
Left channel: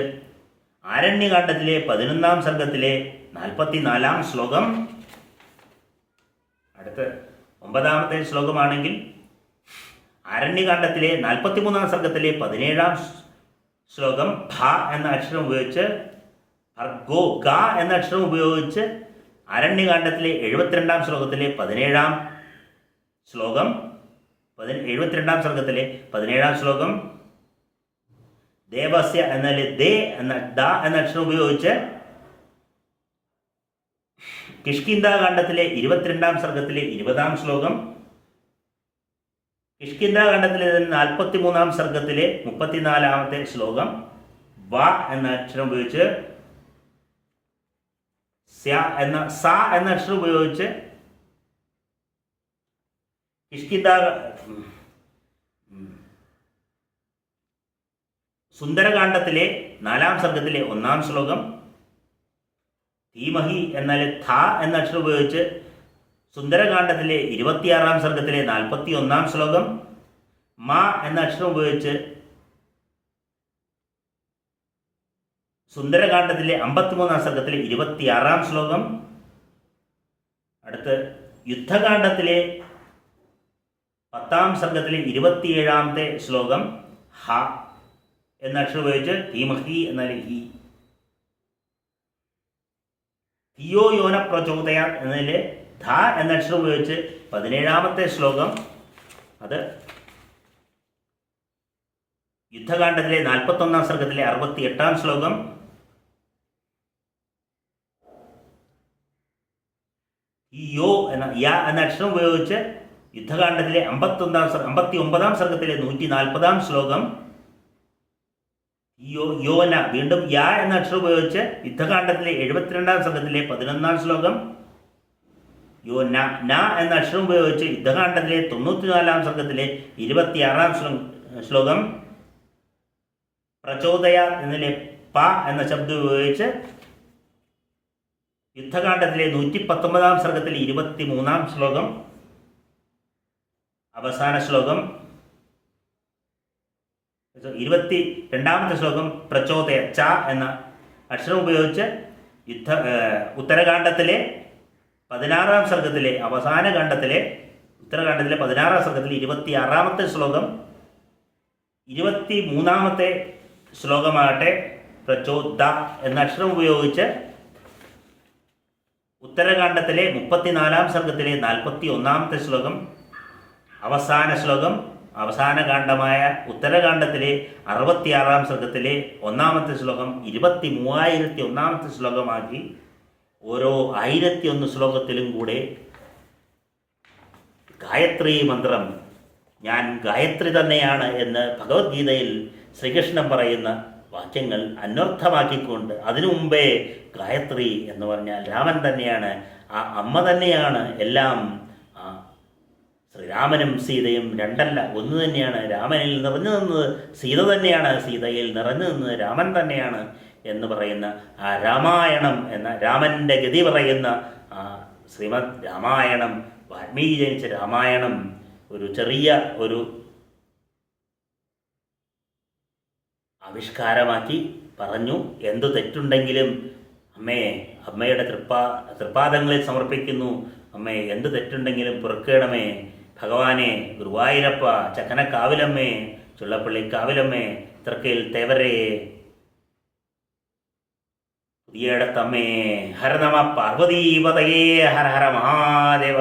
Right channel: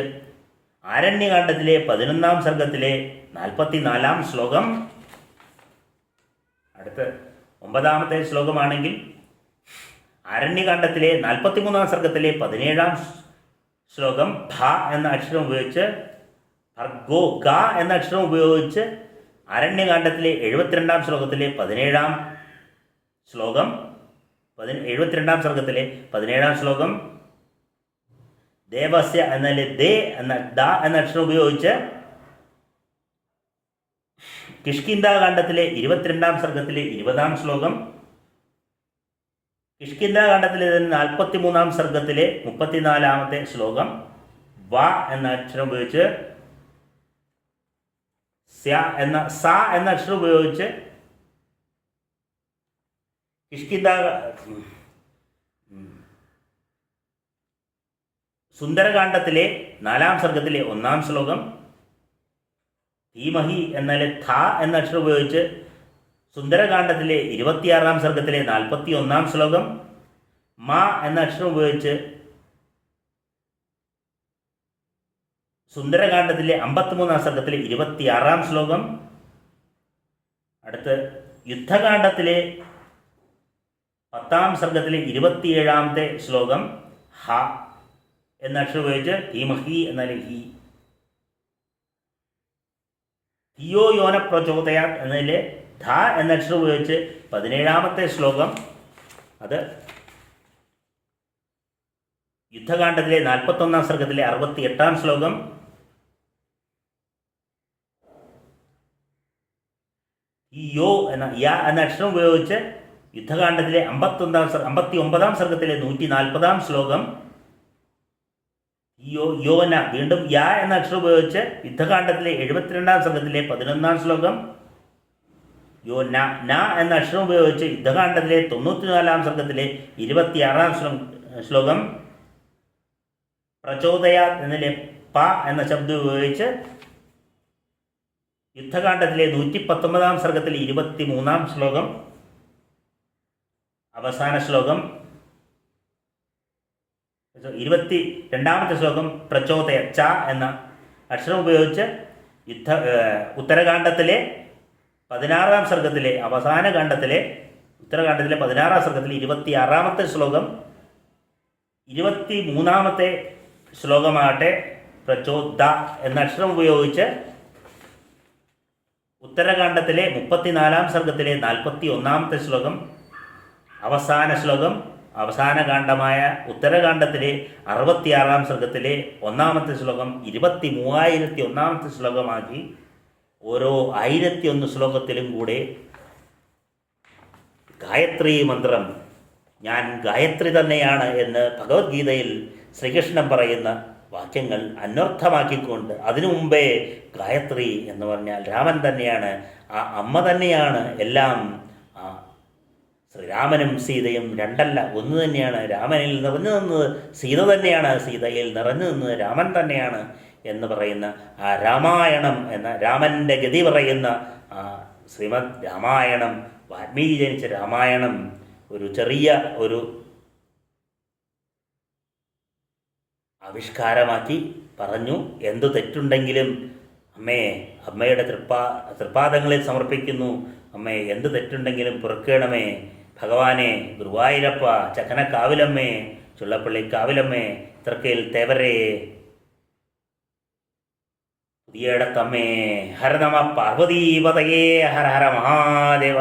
ആരണ്യകാണ്ഡത്തിലെ 11-ാം സർഗത്തിലെ 44-ാം ശ്ലോകം. അടുത്ത് 9-ാമത്തെ ശ്ലോകമാണെങ്കിൽ ആരണ്യകാണ്ഡത്തിലെ 43-ാം സർഗത്തിലെ 17-ാം ശ്ലോകം ഭ എന്ന അക്ഷരം ഉപയോഗിച്ച് ഭർഗോ ഗ എന്ന അക്ഷരം ഉപയോഗിച്ച് ആരണ്യകാണ്ഡത്തിലെ 72-ാം ശ്ലോകത്തിലെ 17-ാം ശ്ലോകം 72-ാം സർഗത്തിലെ 17-ാം ശ്ലോകം ദേവസ്യ എന്നതിലെ ദേ എന്ന ദ എന്ന അക്ഷരം ഉപയോഗിച്ച് കിഷ്കിന്ധാകാണ്ഡത്തിലെ 22-ാം സർഗത്തിലെ 20-ാം ശ്ലോകം കിഷ്കിന്ധാകാന്ഡത്തിലെ 43-ാം സർഗത്തിലെ 34-ാമത്തെ ശ്ലോകം വ എന്ന അക്ഷരം ഉപയോഗിച്ച് സ എന്ന അക്ഷരം ഉപയോഗിച്ച് സുന്ദരകാന്ഡത്തിലെ 4-ാം സർഗത്തിലെ 1-ാം ശ്ലോകം ധീമഹി എന്നാൽ ഥ എന്ന അക്ഷരം ഉപയോഗിച്ച് സുന്ദരകാന്ഡത്തിലെ 26-ാം സർഗത്തിലെ 41-ാം ശ്ലോകം മ എന്ന അക്ഷരം ഉപയോഗിച്ച് സുന്ദരകാന്ഡത്തിലെ 53-ാം സർഗത്തിലെ 26-ാം ശ്ലോകം. അടുത്ത് യുദ്ധകാന്ഡത്തിലെ 10-ാം സർഗത്തിലെ 27-ാമത്തെ ശ്ലോകം ഹ എന്ന അക്ഷരം ഉപയോഗിച്ച് ധീമഹി എന്നാൽ ഹി. ധിയോ യോന പ്രചോദയ എന്നതിലെ ധ എന്ന അക്ഷരം ഉപയോഗിച്ച് 17-ാമത്തെ ശ്ലോകം. അത് യുദ്ധകാന്ഡത്തിലെ 41-ാം സർഗത്തിലെ 68-ാം ശ്ലോകം. ഈ യോ എന്ന അക്ഷരം ഉപയോഗിച്ച് യുദ്ധകാന്ഡത്തിലെ 59-ാം സർഗത്തിലെ 140-ാം ശ്ലോകം. യോന വീണ്ടും യാ എന്ന അക്ഷരം ഉപയോഗിച്ച് യുദ്ധകാന്ഡത്തിലെ 72-ാം സർഗത്തിലെ 11-ാം ശ്ലോകം. യോ ന എന്ന അക്ഷരം ഉപയോഗിച്ച് യുദ്ധകാന്ഡത്തിലെ 94-ാം സർഗത്തിലെ 26-ാം ശ്ലോകം. പ്രചോദയ എന്നതിലെ പ എന്ന ശബ്ദം ഉപയോഗിച്ച് യുദ്ധകാന്ഡത്തിലെ 119-ാം സർഗത്തിലെ 23-ാം ശ്ലോകം. അവസാന ശ്ലോകം 22-ാമത്തെ ശ്ലോകം പ്രചോദയ ച എന്ന അക്ഷരം ഉപയോഗിച്ച് ഉത്തരകാന്ഡത്തിലെ 16-ാം സർഗത്തിലെ അവസാന കാണ്ഡത്തിലെ ഉത്തരകാന്ഡത്തിലെ 16-ാം സർഗത്തിലെ 26-ാമത്തെ ശ്ലോകം. 23-ാമത്തെ ശ്ലോകമാകട്ടെ പ്രചോദ എന്ന അക്ഷരം ഉപയോഗിച്ച് ഉത്തരകാന്ഡത്തിലെ 34-ാം സർഗത്തിലെ 41-ാമത്തെ ശ്ലോകം. അവസാന ശ്ലോകം അവസാന കാണ്ഡമായ ഉത്തരകാന്ഡത്തിലെ 66-ാം സർഗത്തിലെ 1-ാമത്തെ ശ്ലോകം 23,001-ാമത്തെ ശ്ലോകമാക്കി ഓരോ 1001 ശ്ലോകത്തിലും കൂടെ ഗായത്രി മന്ത്രം ഞാൻ ഗായത്രി തന്നെയാണ് എന്ന് ഭഗവത്ഗീതയിൽ ശ്രീകൃഷ്ണൻ പറയുന്ന വാക്യങ്ങൾ അന്വർത്ഥമാക്കിക്കൊണ്ട് അതിനു മുമ്പേ ഗായത്രി എന്ന് പറഞ്ഞാൽ രാമൻ തന്നെയാണ്, ആ അമ്മ തന്നെയാണ് എല്ലാം. ശ്രീരാമനും സീതയും രണ്ടല്ല ഒന്ന് തന്നെയാണ്. രാമനിൽ നിറഞ്ഞു നിന്നത് സീത തന്നെയാണ്, സീതയിൽ നിറഞ്ഞു നിന്നത് രാമൻ തന്നെയാണ് എന്ന് പറയുന്ന ആ രാമായണം എന്ന രാമൻ്റെ ഗതി പറയുന്ന ആ ശ്രീമദ് രാമായണം, വാൽമീകി ജനിച്ച രാമായണം ഒരു ചെറിയ ഒരു ആവിഷ്കാരമാക്കി പറഞ്ഞു. എന്തു തെറ്റുണ്ടെങ്കിലും അമ്മയുടെ തൃപ്പാദങ്ങളിൽ സമർപ്പിക്കുന്നു. അമ്മേ, എന്ത് തെറ്റുണ്ടെങ്കിലും പൊറുക്കണമേ. ഭഗവാനെ, ഗുരുവായൂരപ്പ, ചക്കനക്കാവിലമ്മേ, ചുള്ളപ്പള്ളി കാവിലമ്മേ, തൃക്കയിൽ തേവരേ, പുതിയടത്തമ്മേ, ഹരനമ പാർവതീപതയേ, ഹര ഹര മഹാദേവ.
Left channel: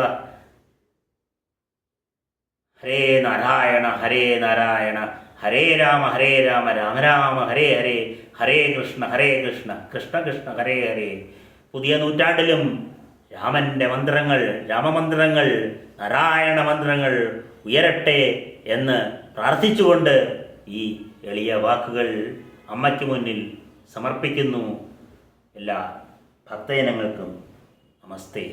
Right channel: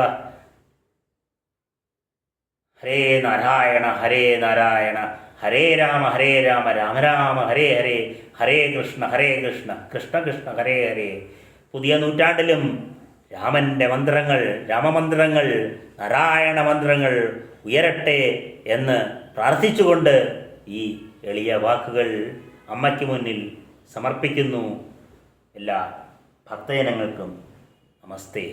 ഹരേ നാരായണ ഹരേ നാരായണ, ഹരേ രാമ രാമ രാമ ഹരേ ഹരേ, ഹരേ കൃഷ്ണ കൃഷ്ണ കൃഷ്ണ ഹരേ ഹരേ. പുതിയ നൂറ്റാണ്ടിലും രാമൻ്റെ മന്ത്രങ്ങൾ, രാമമന്ത്രങ്ങൾ, നാരായണ മന്ത്രങ്ങൾ ഉയരട്ടെ എന്ന് പ്രാർത്ഥിച്ചുകൊണ്ട് ഈ എളിയ വാക്കുകൾ അമ്മയ്ക്ക് മുന്നിൽ സമർപ്പിക്കുന്നു. എല്ലാ ഭക്തജനങ്ങൾക്കും നമസ്തേ.